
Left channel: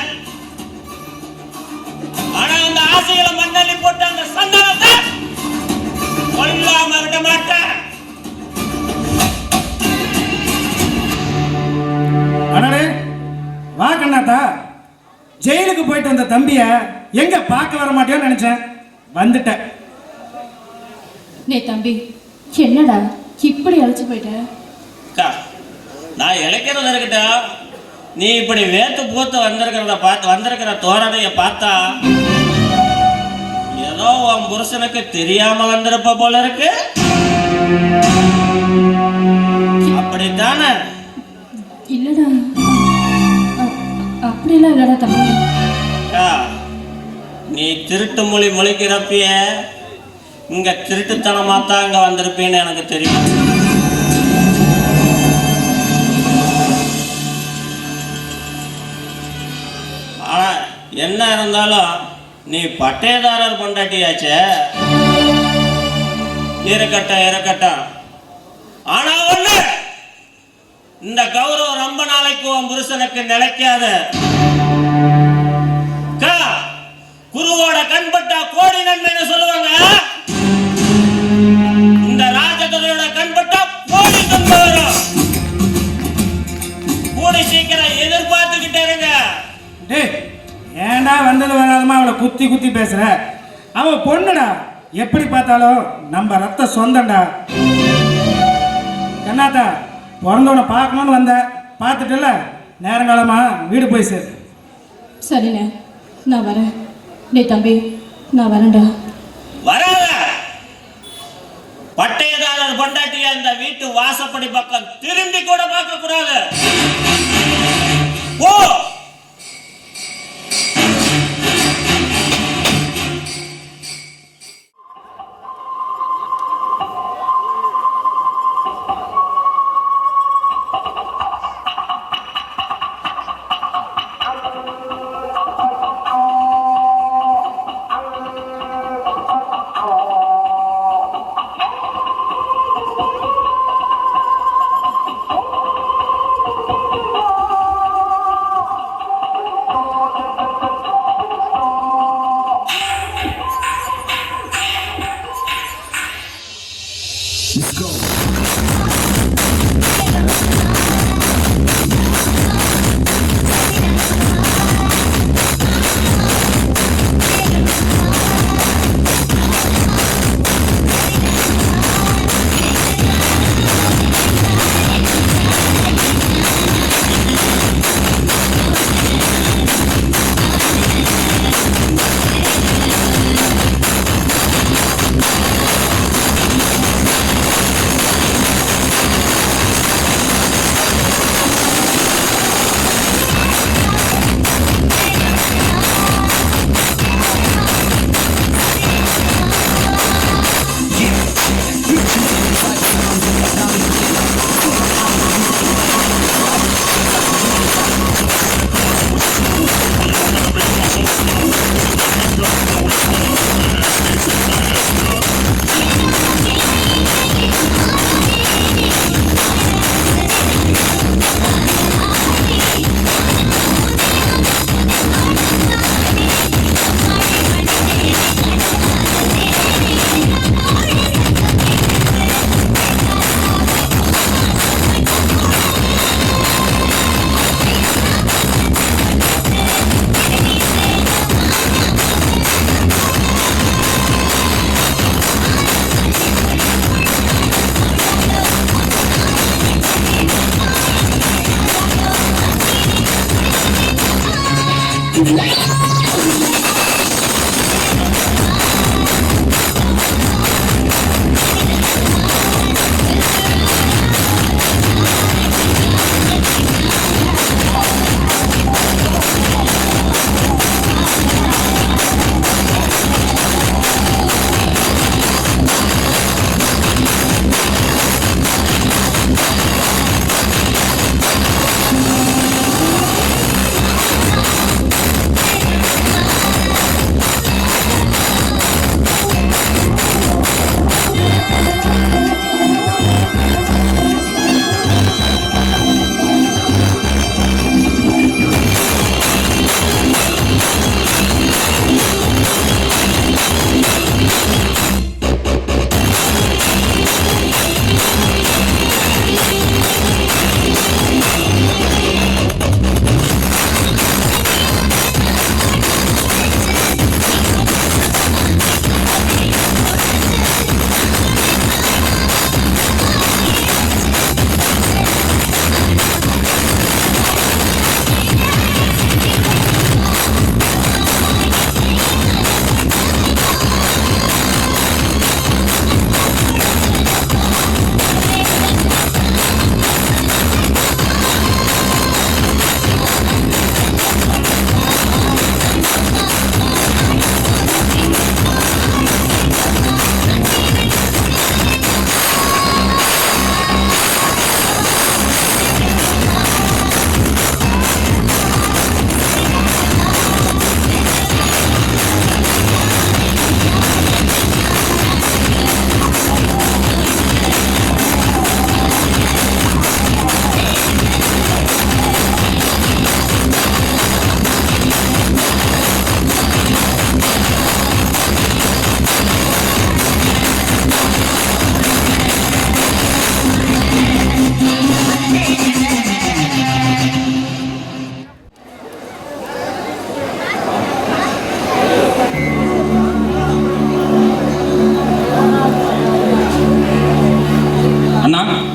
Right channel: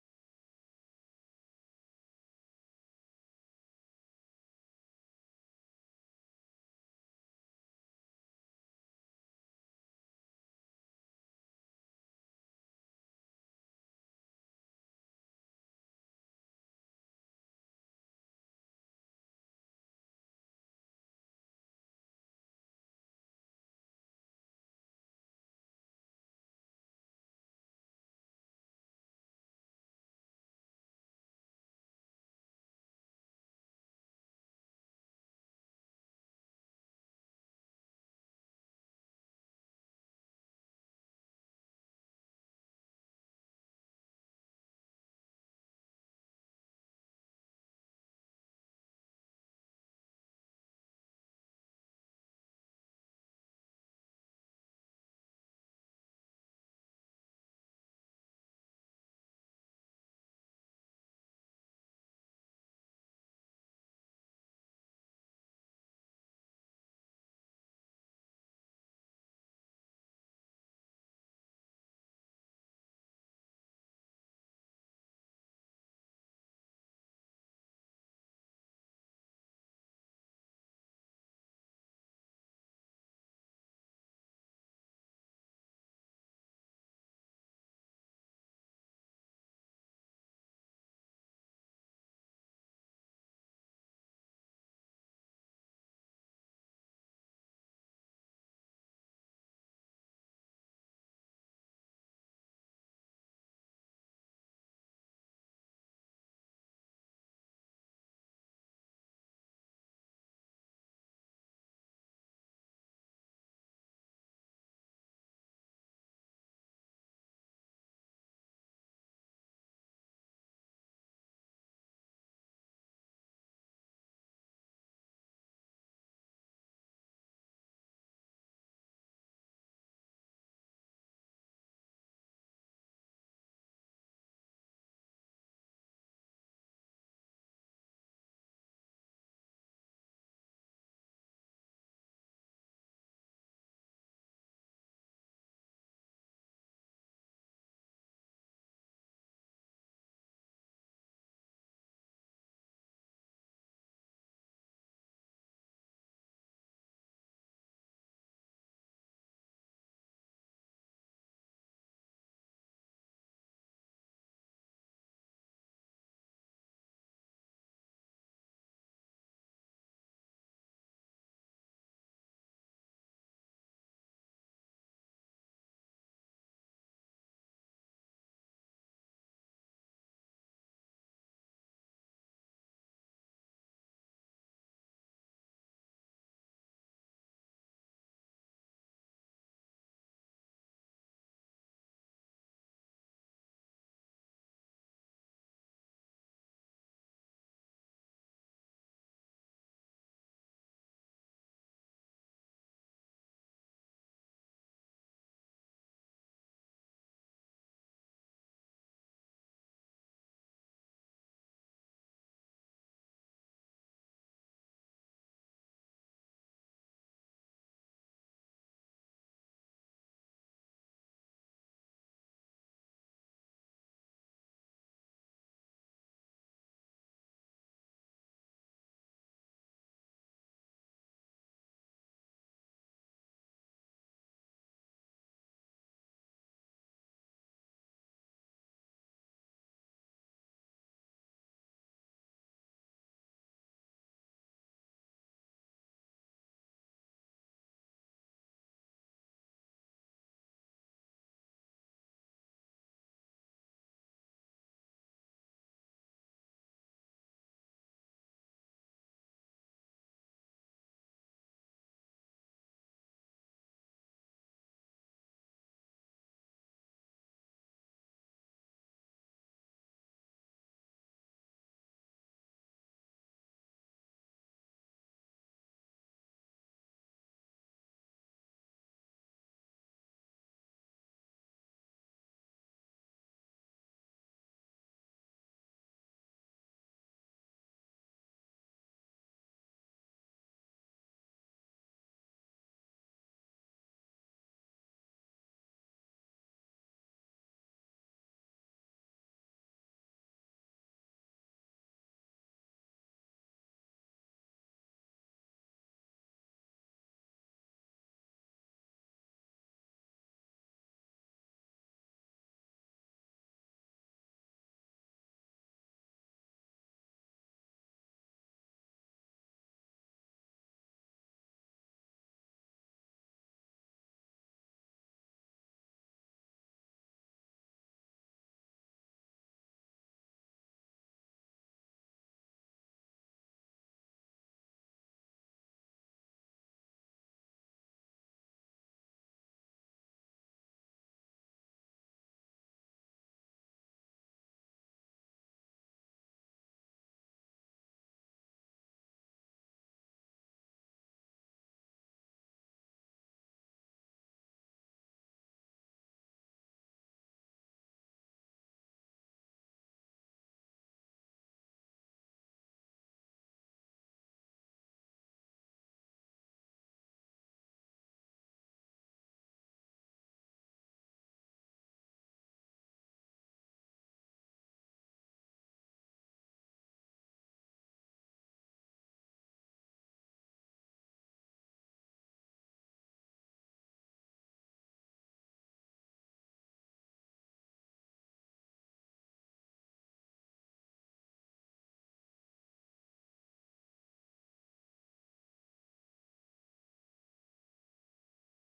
போயிட்டு வந்த தம்பிய எங்க பார்க்க வர மாட்டேன்னு நினைச்சேன், வந்துட்டேன். நே தம்பி, என்னடா இப்படி அழைச்சு போயிட்ட? அக்கா, நான் இழைக்கிறது இருக்கட்டா, நீ இப்படி வேத்து பூத்து வந்திருக்கிற தோரணைய பார்த்தா ஏதோ உன் புருஷனுக்கு தெரியாம வந்திருப்ப போல இருக்கு. அப்படித்தானே? இல்லடா, அப்படிலாம் இல்லடா தம்பி. நீ திருட்டு மொழி மொழிக்கிறப்பிய இங்க திருட்டுத்தனமா தான் இங்க வந்திருப்பேன்னு எனக்கு தெரியும். ஆனா என்ன இருந்தாலும் நீ பட்டேதாரர் பொண்டாட்டியாச்சே. இருக்கட்டும். ஆனா ஒண்ணு, இந்த கௌரவம் ரொம்ப நாளைக்கு உன் புருஷனுக்கு நிலைக்காது. குருவோட கண்பட்டா கோடி நன்மைன்னு சொல்லுவாங்க. இந்த ராஜதுரையோட கண்பட்டா கோடி நன்மை வரும். கூடி சீக்கிரம் எதிர்பார்த்துக்கிட்டே இருங்க. ஏன்டா வந்தது வராதமா அவளை குத்தி குத்தி பேசுற? அவ பொண்ணுடா, எப்படி பார்த்தாலும் நம்ம ரத்த சொந்தம்டா. கண்ணாத்தா, பிறந்தவனை பார்க்கணும்னு வந்த, பார்த்துட்டுல நேரங்காலமா வீடு போய் சேரு. சரிண்ணே, நான் வரேன். டே தம்பி, நான் வரேன்டா. வராத பட்டேதாரர் பொண்டாட்டியா இந்த வீட்டு வாசப்படி பக்கம் திரும்பி கூட பார்க்க கூடாது. ஓ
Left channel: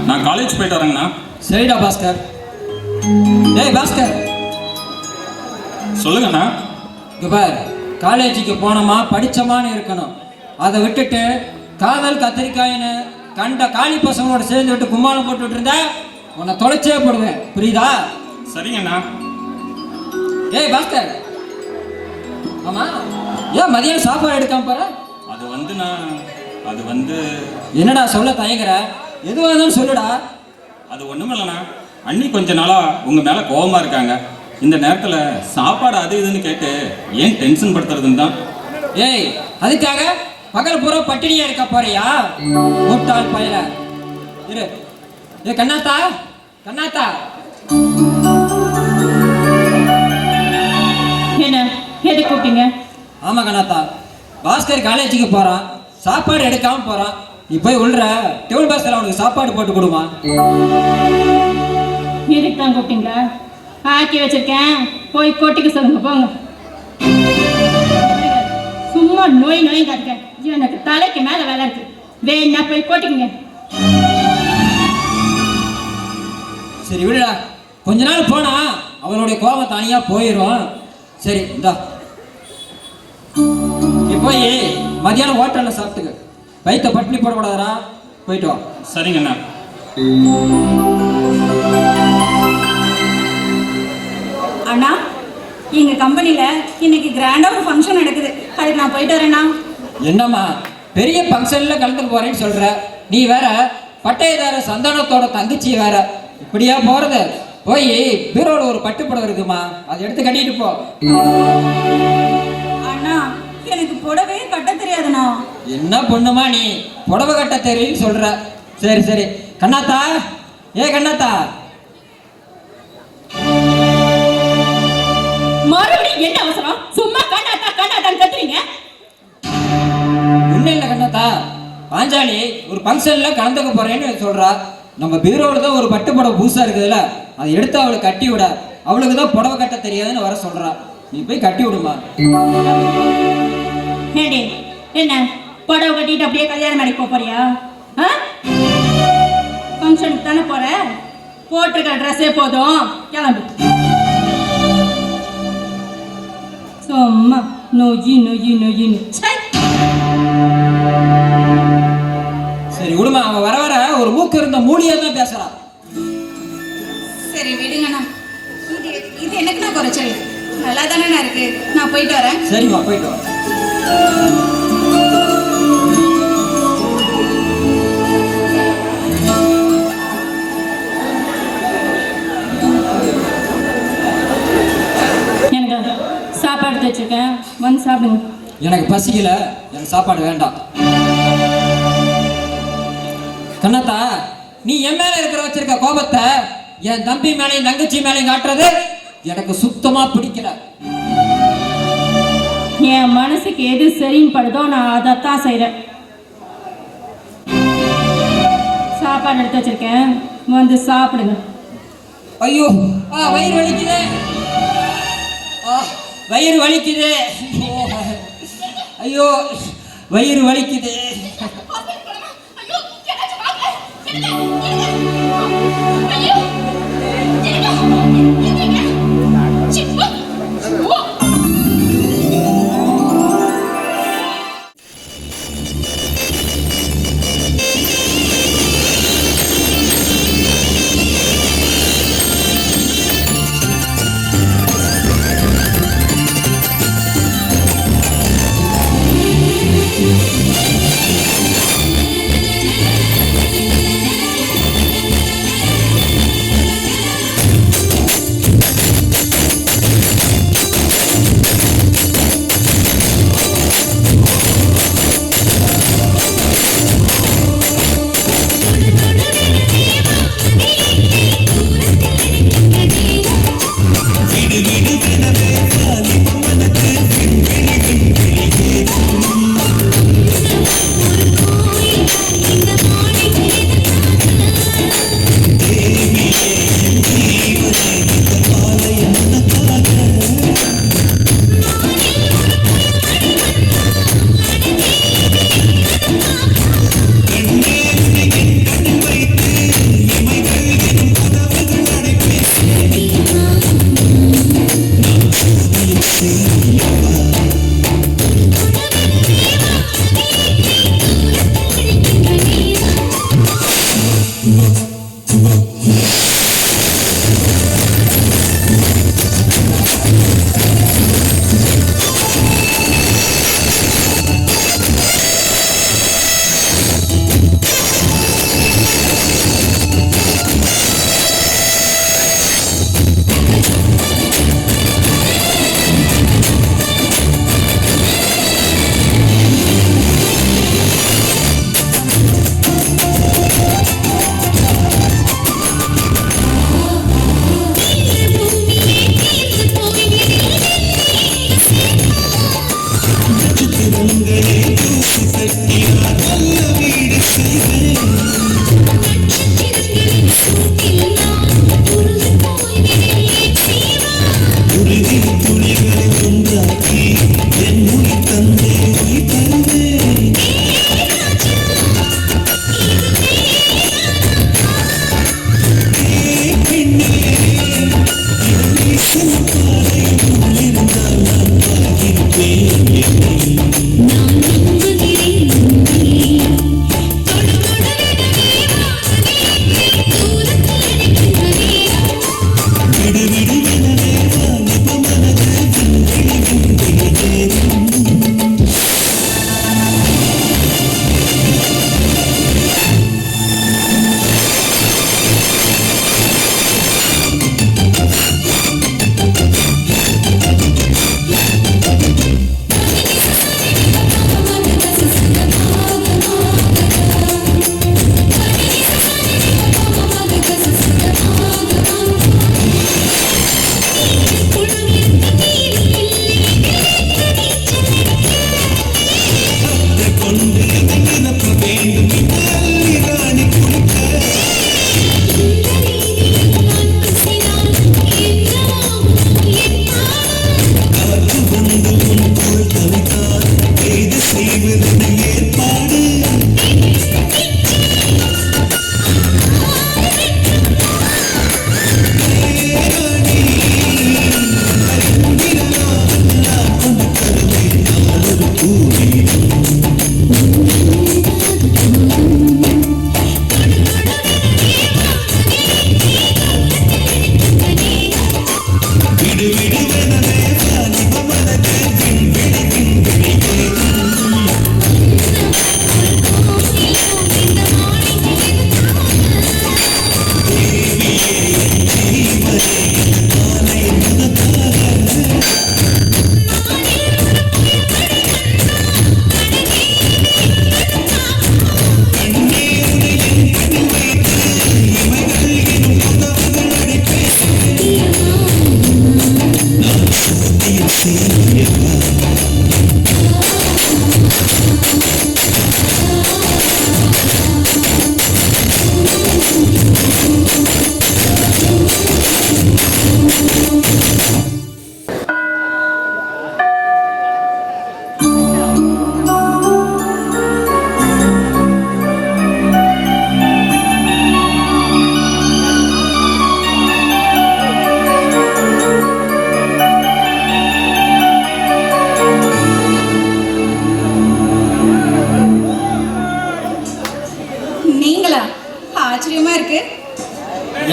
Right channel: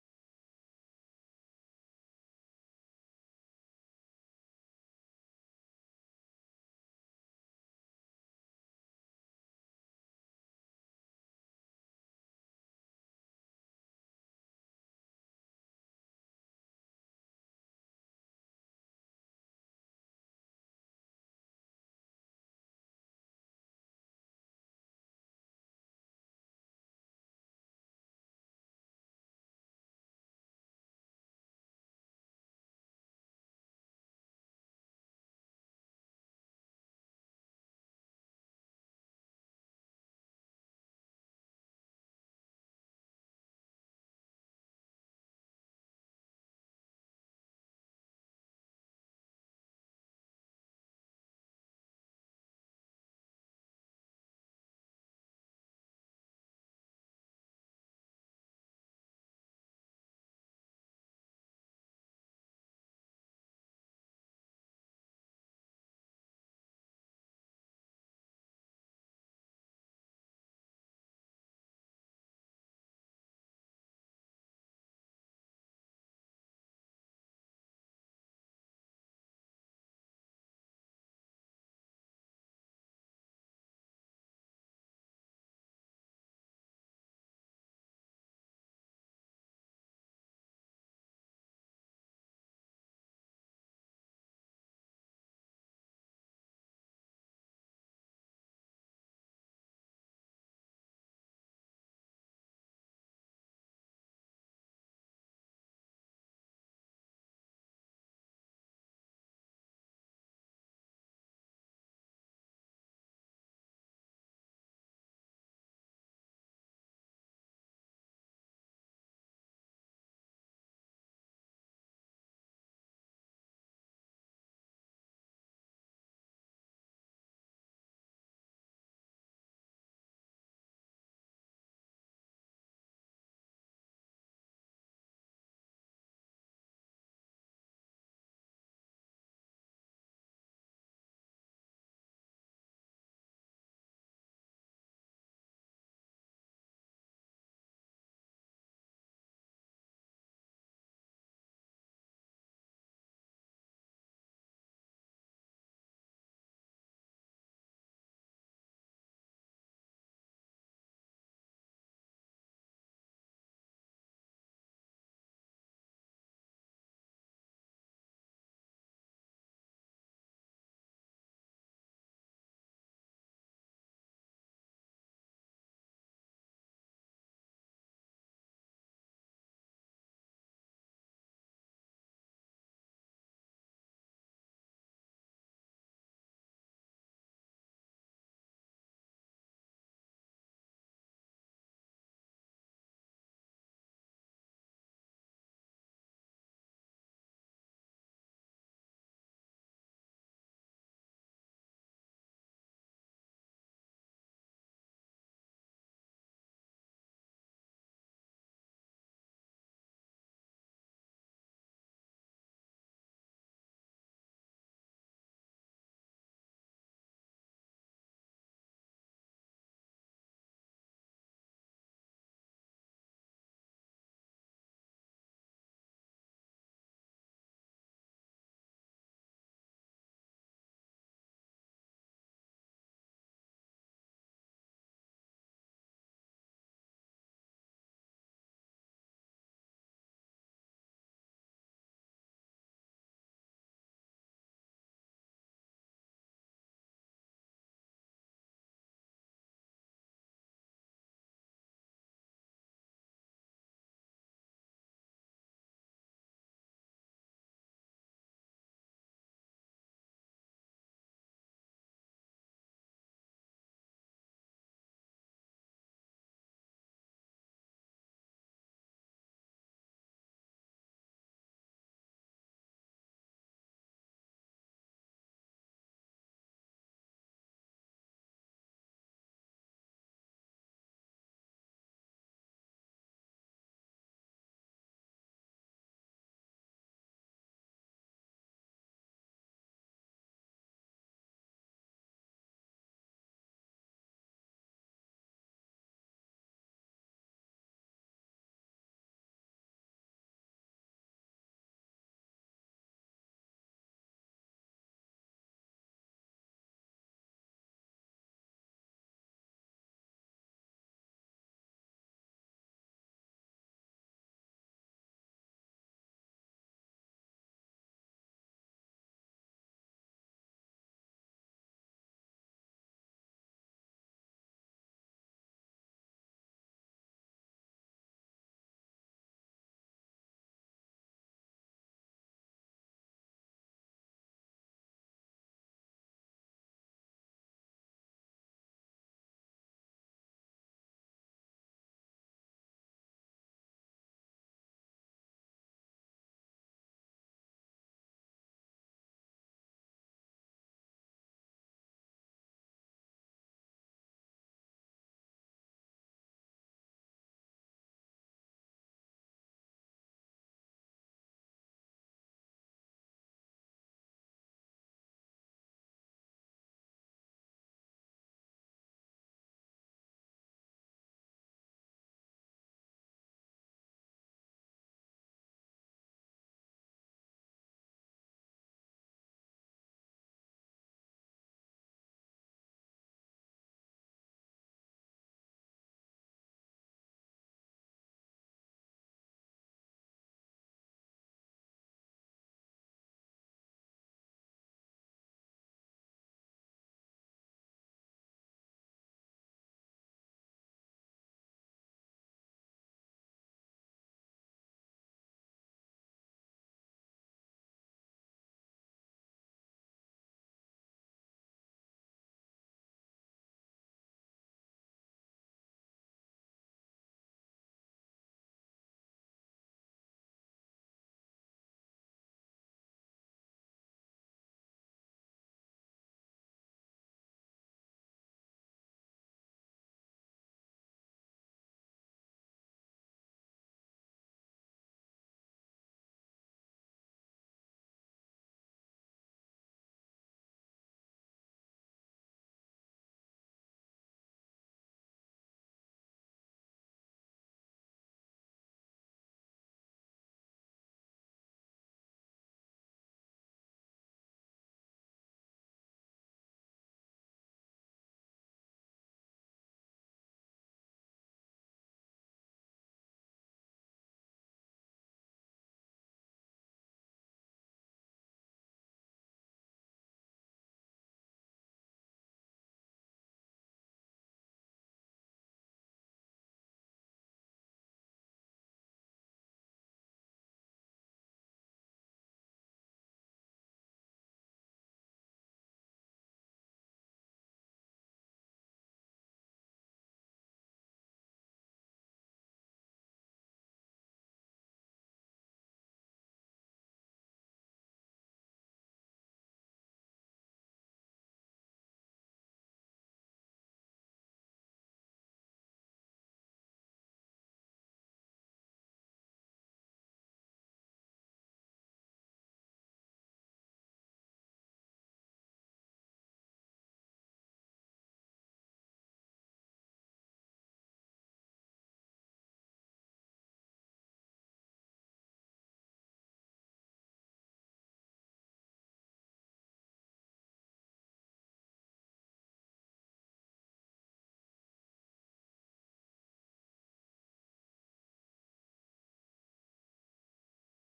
நான் காலேஜ் போயிட்டு வரேங்கண்ணா. சரிடா பாஸ்கர். டேய் பாஸ்கர், சொல்லுங்கண்ணா. இங்க பார், காலேஜுக்கு போனோமா படிச்சோமான்னு இருக்கணும். அதை விட்டுட்டு காதல் கத்திரிக்காயின்னு கண்ட காளி பசங்களோட சேர்ந்து விட்டு கும்மாளம் போட்டுட்டு இருந்தா உன்னை தொலைச்சே போடுவேன், புரியுதா? சரிங்கண்ணா. ஏய் பாஸ்கர், ஆமா ஏன் மதியம் சாப்பாடு எடுக்காம போற? அது வந்து என்னடா சொல்ல தயங்குற? எதுவாக இருந்தாலும் சொல்லுடா. அது ஒன்றும் இல்லைண்ணா. அண்ணி கொஞ்ச நாளாக உங்கள் மேலே கோபமாக இருக்காங்க. இந்த நேரத்தில் சாப்பாடு அது இதுன்னு கேட்டு ஏன் டென்ஷன் படுத்துறதுன்னு தான். ஏய், அதுக்காக பகல் பூரா பட்டினியா இருக்க போறியா? முட்டாள் பயல. இரு. ஏ கண்ணாத்தா, கண்ணாத்தா. என்ன எது கூப்பிட்டீங்க? ஆமா கண்ணாத்தா, பாஸ்கர் காலேஜுக்கு போறான், சாப்பாடு எடுக்காம போறான். நீ போய் உள்ள டேபிள் பாஸ்கர் அவனுக்கு சாப்பாடு போட்டு கொடுமா. எதுக்கு தான் கூப்பிட்டீங்களா? ஆக்கி வச்சிருக்கேன், போய் கொட்டிக்க சொல்லுங்க போங்க. சும்மா நோய் காட்டுங்க. எனக்கு தலைக்கு மேல வேலை இருக்கு. வேணா போய் கொட்டிக்குங்க. சரி விடுடா, கொஞ்ச நாள் போனா அவளுடைய கோபம் தனியா போயிடும். சரி இந்தா, நீ போய் மதியானம் ஹோட்டல்ல சாப்பிட்டுக்க. வயிற்ற பட்டினி போடக்கூடாதா? போயிட்டு வா. சரிங்கண்ணா. அண்ணா, எங்க கம்பெனில இன்னைக்கு கிராண்டா ஒரு ஃபங்க்ஷன் நடக்குது. அதுக்கு நான் போயிட்டு வரேண்ணா. என்னம்மா பெரிய ஃபங்க்ஷன்ல கலந்துக்க போறேன்னு சொல்ற? நீ வேற பட்டயதார சந்தானத்தோட தங்கச்சி வேற, இப்படியா போறது? போய் பீரோல ஒரு பட்டு புடவை இருக்குமா, அதை எடுத்து கட்டிட்டு போ. அண்ணா, எனக்கு புடவையே கட்ட தெரியாதுண்ணா. என்ன பொண்ணுமா நீ, புடவை கட்ட தெரியும்னு சொல்ற? சரி சரி கண்ணாத்தா, ஏ கண்ணாத்தா. மறுபடியும் என்ன அவசரம்? சும்மா கண்ணாத்தான் கத்துறீங்க. ஒன்னும் இல்லை கண்ணாத்தா, பாஞ்சாலி ஒரு ஃபங்க்ஷன்ல கலந்துக்க போறேன்னு சொல்றா. நம்ம பீரோல தான் ஒரு பட்டு புடவை புதுசா இருக்குதுல்ல, அதை எடுத்து அவளுக்கு கட்டி விட. அவளுக்கு தான் புடவை கட்ட தெரியாதுன்னு வர சொல்றா. நீ போய் கட்டி விடுமா. ஏடி, என்ன புடவை கட்டிட்டு அப்படியே கல்யாணம் பண்ணி போறியா? ஃபங்க்ஷனுக்கு தானே போற, போட்டிருக்க ட்ரெஸ்ஸே போதும், கிளம்பு. சும்மா நொய்யின்னு. சரி விடுமா, அவன் வர வர ஒரு மூக்கு இருந்த மூடியா தான் பேசுறான். சரி விடுங்கண்ணா. இது எனக்கு நான் குறைச்சல் நல்லா தானே இருக்கு. நான் போயிட்டு வரேன். சரிம்மா, போயிட்டு வா. எனக்கு சாப்பாடு எடுத்து வச்சிருக்கேன், வந்து சாப்பிடுங்க. எனக்கு பசிக்கல, எனக்கு சாப்பாடு வேண்டாம். கண்ணாத்தா, நீ என் மேல வச்சிருக்க கோபத்தை என் தம்பி மேலையும் தங்கச்சி மேலையும் காட்டுறது எனக்கு சுத்தமா பிடிக்கல. என் மனசுக்கு எது சரின்னு படுதோ நான் அதைத்தான் செய்றேன். சாப்பாடு எடுத்து வச்சிருக்கேன், வந்து சாப்பிடுங்க. ஐயோ, வயிறு வலிக்குது, வயிறு வலிக்குது. ஐயோ, வயிறு வலிக்குது.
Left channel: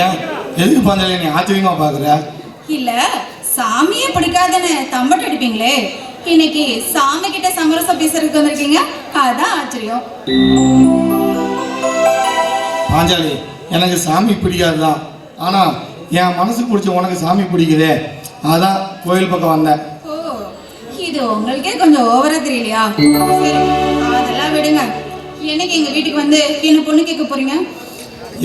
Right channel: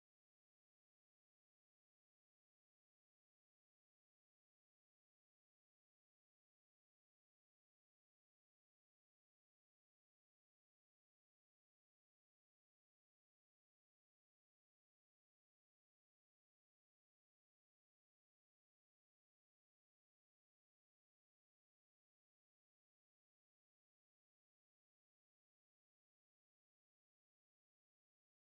ஏன் எதுக்கு பாஞ்சாலி நீ ஆச்சரியமா பாக்குற? இல்ல சாமியே பிடிக்காதுன்னு தம்பட்டு அடிப்பீங்களே, இன்னைக்கு சாமி கிட்ட சமரசம் பேசுறதுக்கு வந்திருக்கீங்க, அதான் ஆச்சரியம். பாஞ்சாலி, எனக்கு சாமி பிடிக்காதுதான், ஆனா என் மனசுக்கு பிடிச்ச உனக்கு சாமி பிடிக்குதே, அதான் கோயில் பக்கம் வந்தேன். ஓ, இது உங்களுக்கே கொஞ்சம் ஓவரா தெரியலையா? சரி, அதெல்லாம் விடுங்க. என்னைக்கு எங்க வீட்டுக்கு வந்து என்ன பொண்ணு கேட்க போறீங்க?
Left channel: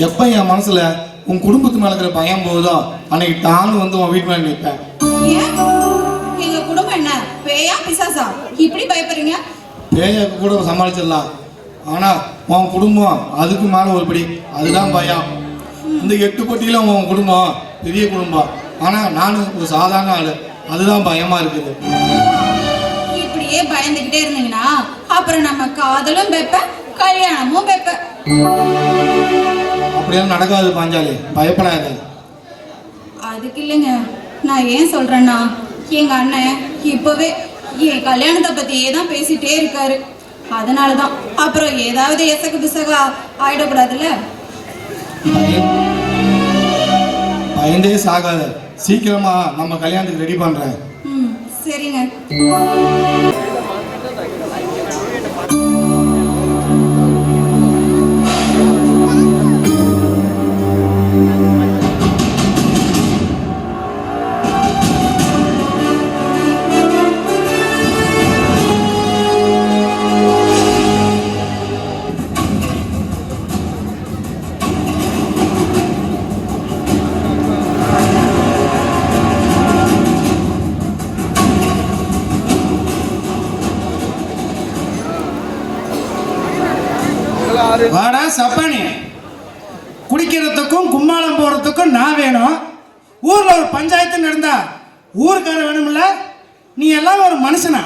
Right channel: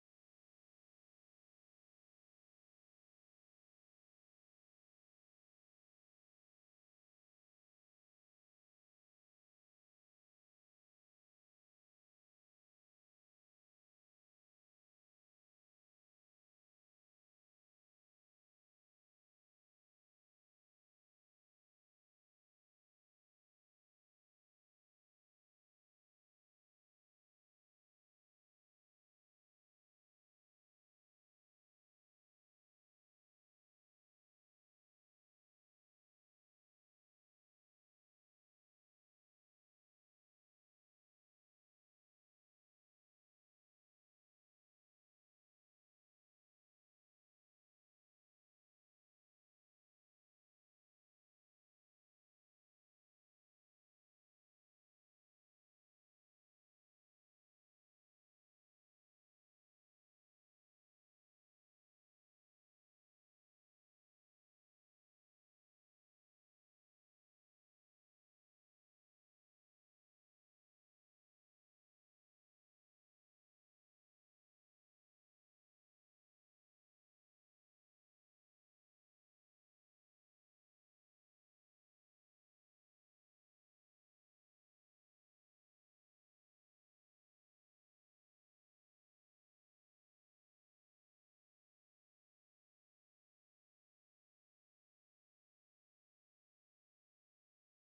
எப்ப என் மனசுல உன் குடும்பத்து மேல இருக்கிற பயம் போகுதோ அன்னைக்கு தானும் வந்து உன் வீட்டு மேல நிற்பேன். ஏன் எங்க குடும்பம் என்ன பேயா பிசாசா இப்படி பயப்படுறீங்க? பேயாக்கு கூட சமாளிச்சிடலாம், ஆனா உன் குடும்பம் அதுக்கு மேல ஒரு படி, அதுதான் பயம். இந்த 8 பட்டியில உன் குடும்பம் பெரிய குடும்பம், ஆனா நானும் ஒரு சாதாரண ஆளு, அதுதான் பயமா இருக்குது. இப்படியே பயந்துகிட்டே இருந்தீங்கன்னா அப்புறம் நம்ம காதலும் பெப்ப கல்யாணமும் பெப்ப. அப்படியெல்லாம் நடக்காது பாஞ்சாலி, பயப்படாத. அதுக்கு இல்லைங்க, நான் ஏன் சொல்றேன்னா எங்க அண்ணன் இப்பவே என் கல்யாணத்தை பத்தியே தான் பேசிட்டே இருக்காரு. அதனாலதான் அப்புறம் ஏதாவது எசகு பிசகா ஆயிடக்கூடாதுல்ல. பயந்தே சாகாத, சீக்கிரமா நம்ம கல்யாணத்துக்கு ரெடி பண்றேன். சரிங்க. வாடா சப்பானி, குடிக்கிறதுக்கும் கும்மாளம் போறதுக்கும் நான் வேணும். ஊர்ல ஒரு பஞ்சாயத்து நடந்தா ஊருக்கார வேணும்ல, நீ எல்லாம் ஒரு மனுஷனா?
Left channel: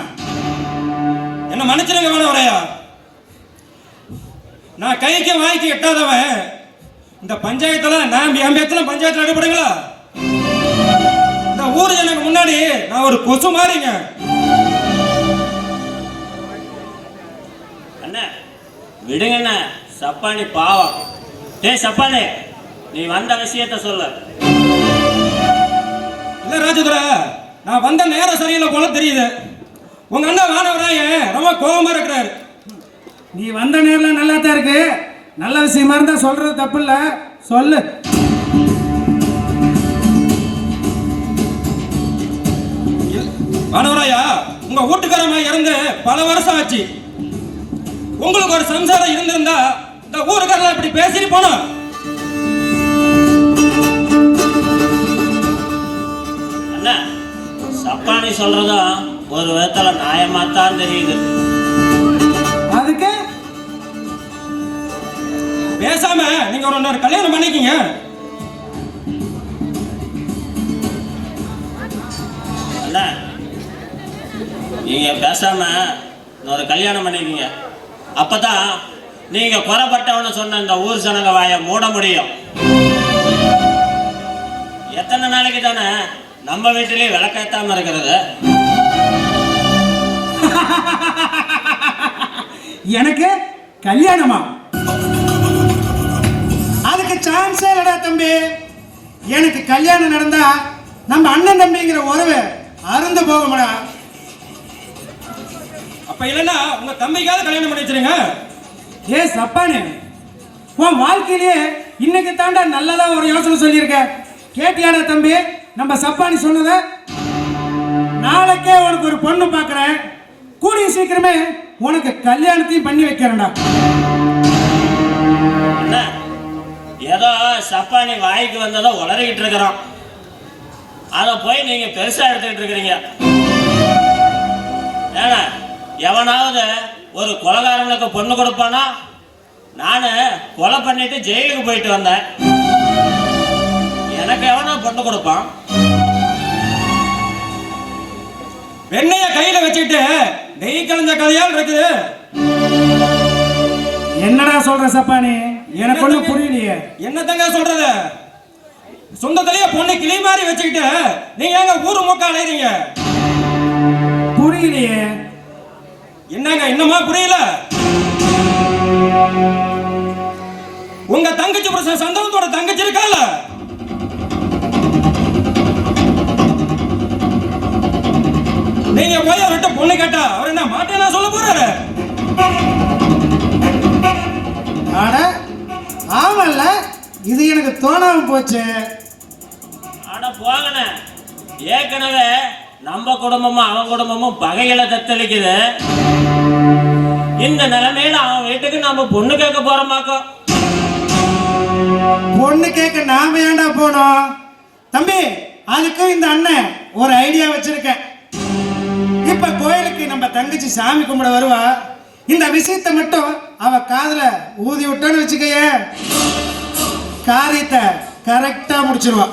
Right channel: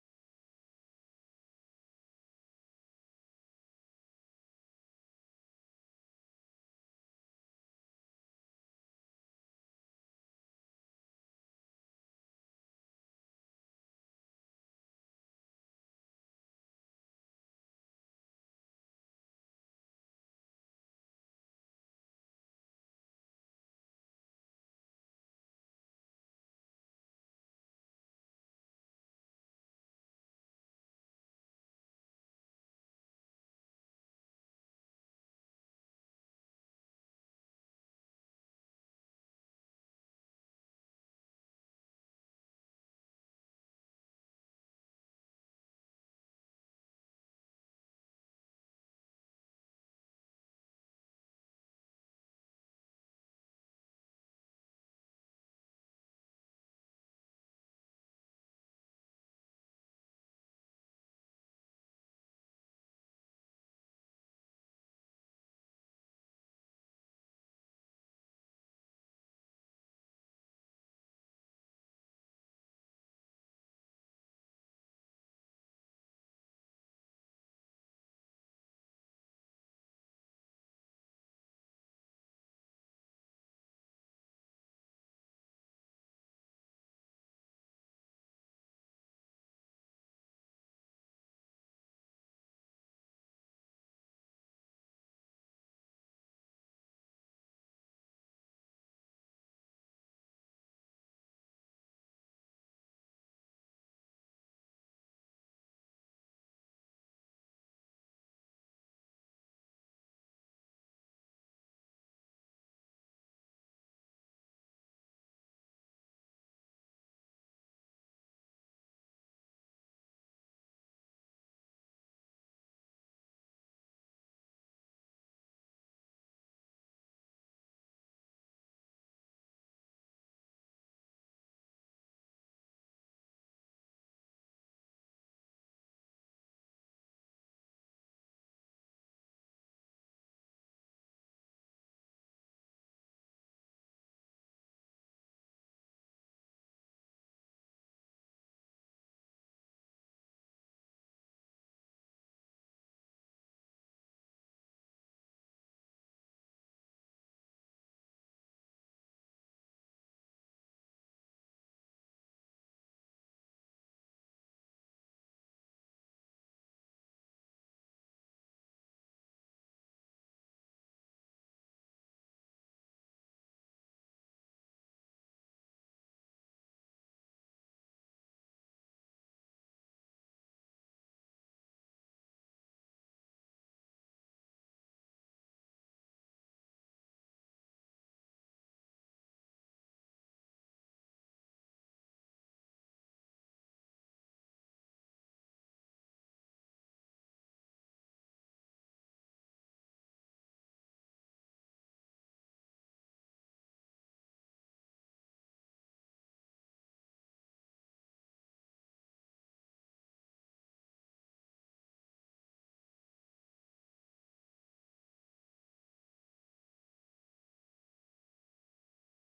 என்ன மன்னிச்சிருங்க வேணும் வரையா, நான் கைக்கு வாய்க்கு எட்டாதவன். இந்த பஞ்சாயத்துல நான் என் பேத்துல பஞ்சாயத்துல அடிப்படுங்களா? இந்த ஊர் எனக்கு முன்னாடி நான் ஒரு கொசு மாறிங்க. அண்ணா விடுங்கண்ணா, சப்பானி பாவம். டேய் சப்பானி, நீ வந்த விஷயத்த சொல்லு. இல்ல ராஜதுரை, நான் வந்த நேரம் சரியில்லை போல தெரியுது. உங்க அண்ணன் வானவராய ரொம்ப கோபமா இருக்கிறாரு. நீ வந்த நேரில் நல்லா தான் இருக்கு, நல்ல விஷயமா இருந்தா சொல்றது தப்பு இல்ல, சொல்லு. வானவராயா, உங்க வீட்டுக்காரமா இறந்து பல வருஷம் ஆச்சு. உங்களுக்கு ஒரு சம்சாரம் இருந்திருந்தா இந்த ஊருக்காரெல்லாம் இப்படி பேசிட்டு போனோம். அண்ணா, சப்பானி சொல்றதும் ஒரு விதத்துல நியாயமாத்தான் தெரியுது. அதுக்கு பேசாம நீங்க ஒரு கல்யாணம் பண்ணிக்கீங்க. அண்ணா, நீங்க பேசாம ஒரு கல்யாணம் பண்ணிக்கீங்க. அப்பதான் நீங்க குறைப்பட்டவன்னு சொன்ன இந்த ஊர் ஜனங்க வாயை மூட முடியும். எத்தனை நாளைக்கு தானே நம்ம வீட்டிலேயே விளக்கேத்தாம இருக்கிறது? எனக்கு கல்யாணமா? அதுக்கு சான்ஸே இல்லடா தம்பி. எனக்கு கல்யாணம் நடந்தா நம்ம அண்ணன் தம்பிங்கிற உறவு அருந்து போகும்டா. அப்ப இல்லைன்னா உங்க தம்பிக்காவது கல்யாணம் பண்ணி வச்சிருங்க. ஏ சப்பானே, உன் வாழ்க்கையிலேயே இன்னைக்கு தாண்டா நல்லதா ஒரு யோசனை சொல்லியிருக்க. கேட்டியாடா தம்பி நம்ம சப்பானி சொன்னத? நாளைக்கே உனக்கு ஒரு பொண்ணு பார்க்கறேன், கூடிய சீக்கிரமே உனக்கு கல்யாணத்தையும் பண்ணி வைக்கிறேன்டா. ஏதோ சப்பானி வாய்க்கு வந்ததோ உளறிக்கிட்டு இருக்கிறோம், அதை போய் நீங்க பெருசா எடுத்துக்கிட்டு இருக்கிறீங்க. ஏன்னா எவனாவது ஒரு கொலைகாரனுக்கு பொண்ணு கொடுப்பானா? நானு கொலை பண்ணிட்டு ஜெயிலுக்கு போயிட்டு வந்தேன், எனக்கு எவனா பொண்ணு கொடுப்பான்? வெண்ணைய கையில வச்சுட்டு நெய் கலந்த கதையால் இருக்குது. என்னடா சொல்ற சப்பானி? எனக்கு ஒண்ணும் புரியலையே. என்னத்தங்க சொல்றது? சொந்தத்திலேயே பொண்ணு கிளி மாதிரி வச்சுக்கிட்டு நீங்க எங்க ஊரு மூக்க அலைறீங்க? புரியலையே. என்னங்க இன்னமா புரியல? உங்க தங்கச்சி புருஷன் சந்தோஷத்தோட தங்கச்சி இருக்கால, நீங்க போய் அவர்கிட்ட பொண்ணு கேட்டா அவர் என்ன மாட்டேன்னா சொல்ல போறாரு? ஆட ஆமல்ல, இது எனக்கு தோணாம போச்சு. ஆட போகணே, ஏற்கனவே நம்ம குடும்பமும் அவன் குடும்பமும் பகைகளை தத்தளிக்குது. இந்த நிலைமையில அவன் வீட்டுக்கு நம்ம பொண்ணு கேட்க போறோமாக்கோ. பொண்ணு கேட்க நாம ஏன்டா போனோம்? தம்பி, அதுக்கு இந்த அண்ணன் ஒரு ஐடியா வச்சிருக்கேன். இப்ப கோயிலுக்கு நம்ம தங்கச்சி சாமி கும்பிட வருவா. இந்த விஷயத்தை மட்டும் அவ காதுல ஊதி விட்டோன்னு வச்சுக்கைய, காரியத்தை கரெக்டா முடிச்சிருவா.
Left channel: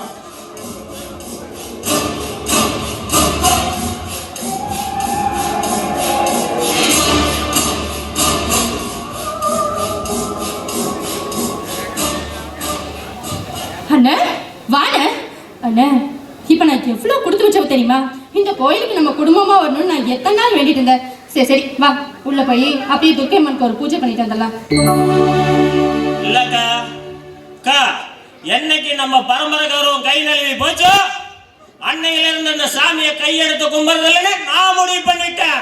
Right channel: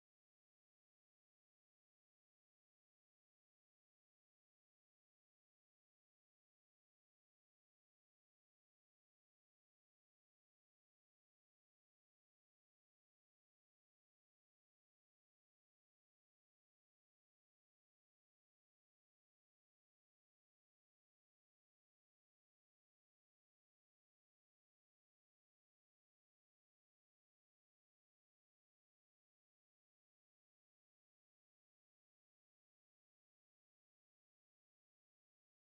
அண்ணா வாண்ண. அண்ணா, இப்போ நான் எவ்வளோ கொடுத்து வச்சவ தெரியுமா? இந்த கோயிலுக்கு நம்ம குடும்பமா வரணும்னு நான் எத்தனை நாள் வேண்டிட்டு இருந்தேன். சரி சரி வா, உள்ள போய் அப்படியே துர்க்கை அம்மனுக்கு ஒரு பூஜை பண்ணிட்டு வந்துடலாம். இல்லக்கா அக்கா, என்னைக்கு நம்ம பரம்பரை கௌரவம் கை நழுவி போச்சோ அன்னையில இருந்து அந்த சாமியை கையெடுத்து கும்பிடுறதுல நான் முடிவு பண்ணிட்டேன்.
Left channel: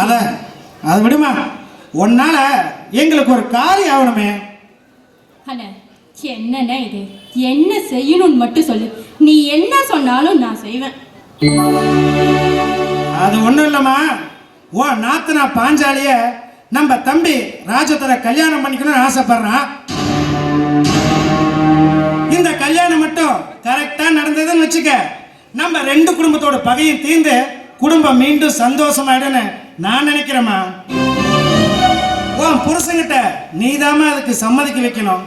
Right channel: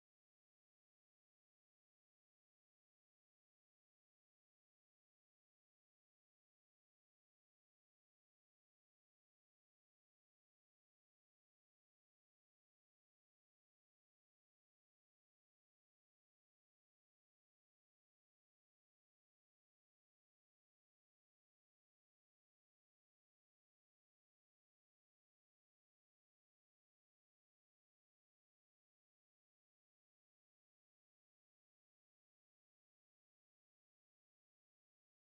அண்ணா அது விடுமா, உன்னால எங்களுக்கு ஒரு காரியம் ஆகணுமே. அண்ணா, என்னண்ணா இது? என்ன செய்யணும்னு மட்டும் சொல்லு, நீ என்ன சொன்னாலும் நான் செய்வேன். அது ஒண்ணும் இல்லம்மா, ஓ நாத்தனா பாஞ்சாலிய நம்ம தம்பி ராஜத்தரை கல்யாணம் பண்ணிக்கணும்னு ஆசைப்படுறான். இந்த கல்யாணம் மட்டும் கரெக்டா நடந்ததுன்னு வச்சுக்க, நம்ம ரெண்டு குடும்பத்தோட பகையும் தீர்ந்து குடும்பம் மீண்டும் சந்தோஷமாயிடுன்னு நான் நினைக்கிறேம்மா. உன் புருஷங்கிட்ட நீதாம்மா அதுக்கு சம்மதிக்க வைக்கணும்.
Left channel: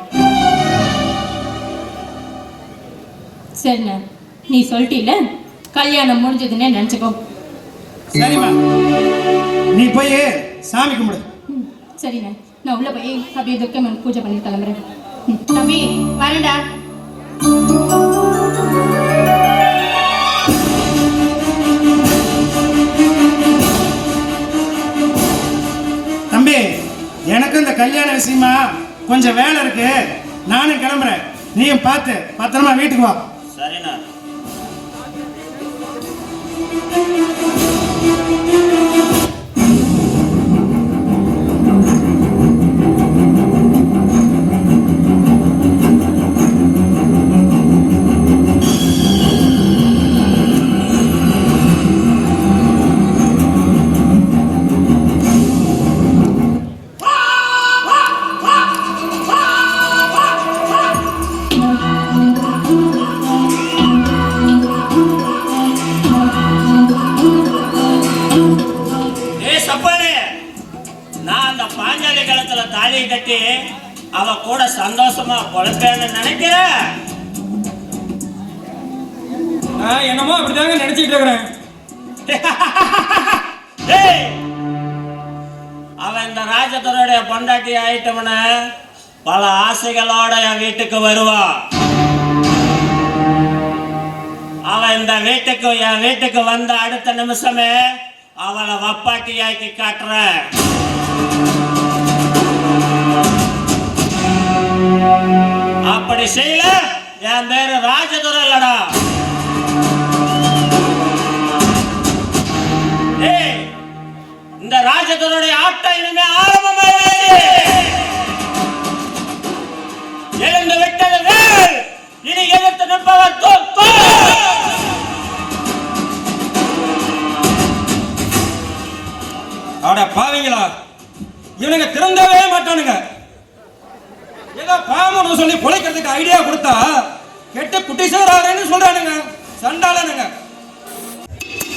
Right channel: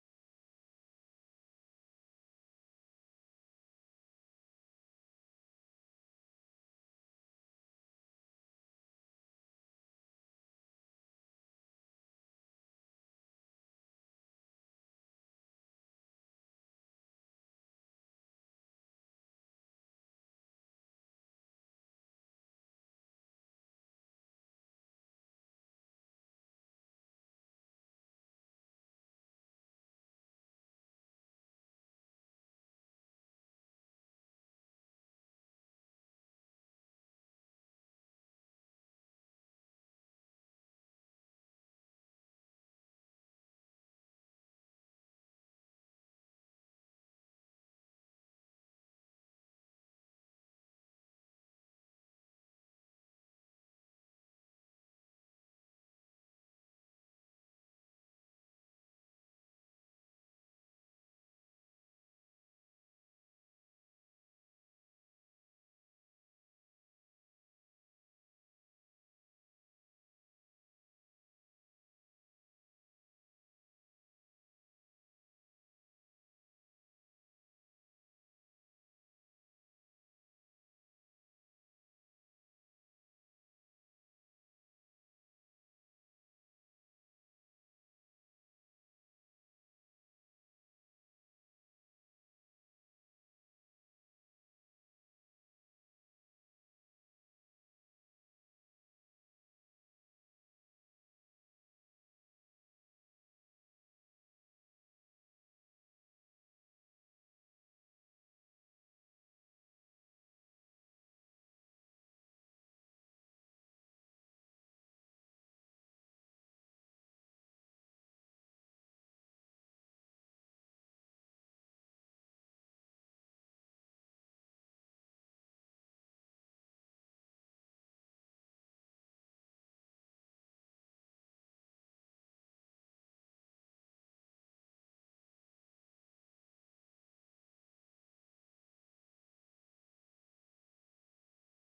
சரிண்ணா, நீ சொல்லிட்டீல, கல்யாணம் முடிஞ்சதுன்னே நினச்சிக்கோ. சரிம்மா, நீ போய் சாமி கும்பிடு. சரிண்ணா, நான் உள்ள போய் அப்படியே துர்க்கம்மன் பூஜை பண்ணி கிளம்புறேன். தம்பி வரேன்டா. தம்பி, எனக்கு இந்த கல்யாண விஷயமா கொஞ்சம் வேலை இருக்கு, நானும் கிளம்புறேன். நீயும் பார்த்து பத்திரமா வீட்டுக்கு வா. சரிண்ணா. தாலியை கட்டி அவ கூட சந்தோஷமா பொழைப்பேன்னு நினைக்கிற? என்னமோ அப்படிதாங்க நினைச்சிட்டு இருக்கிறேன். அவன் இந்த ராஜத்தருடைய பொண்டாட்டி ஆயிட்டவன பல ஆசைகளோட என் வீட்டுக்கு வருவான். அவன் இந்த வீட்டுக்கு என் வீட்டுக்கு வந்த அடுத்த நிமிஷமே அவளை வப்பாட்டியாக்கி காட்டுறேன். அப்படி செய்யல, என் பேரு ராஜதுரை இல்லடா. இந்த ராஜதுரையுடைய ஆட்டம் இனிமே ஆரம்பமாயிடுச்சு. எழுந்து விட்டது வேல், இனி எதிர்த்து நிற்பவர் தோற்று. அட பாவீங்களா, இவனுங்க திறந்தவே மாட்டானுங்க. ஏதோ பாமன்னு சொல்லி பொழைக்கிறதுக்கு ஐடியா கொடுத்தா கெட்ட குட்டி சேராருன்னு சொல்றானுங்க. சண்டாளனுங்க.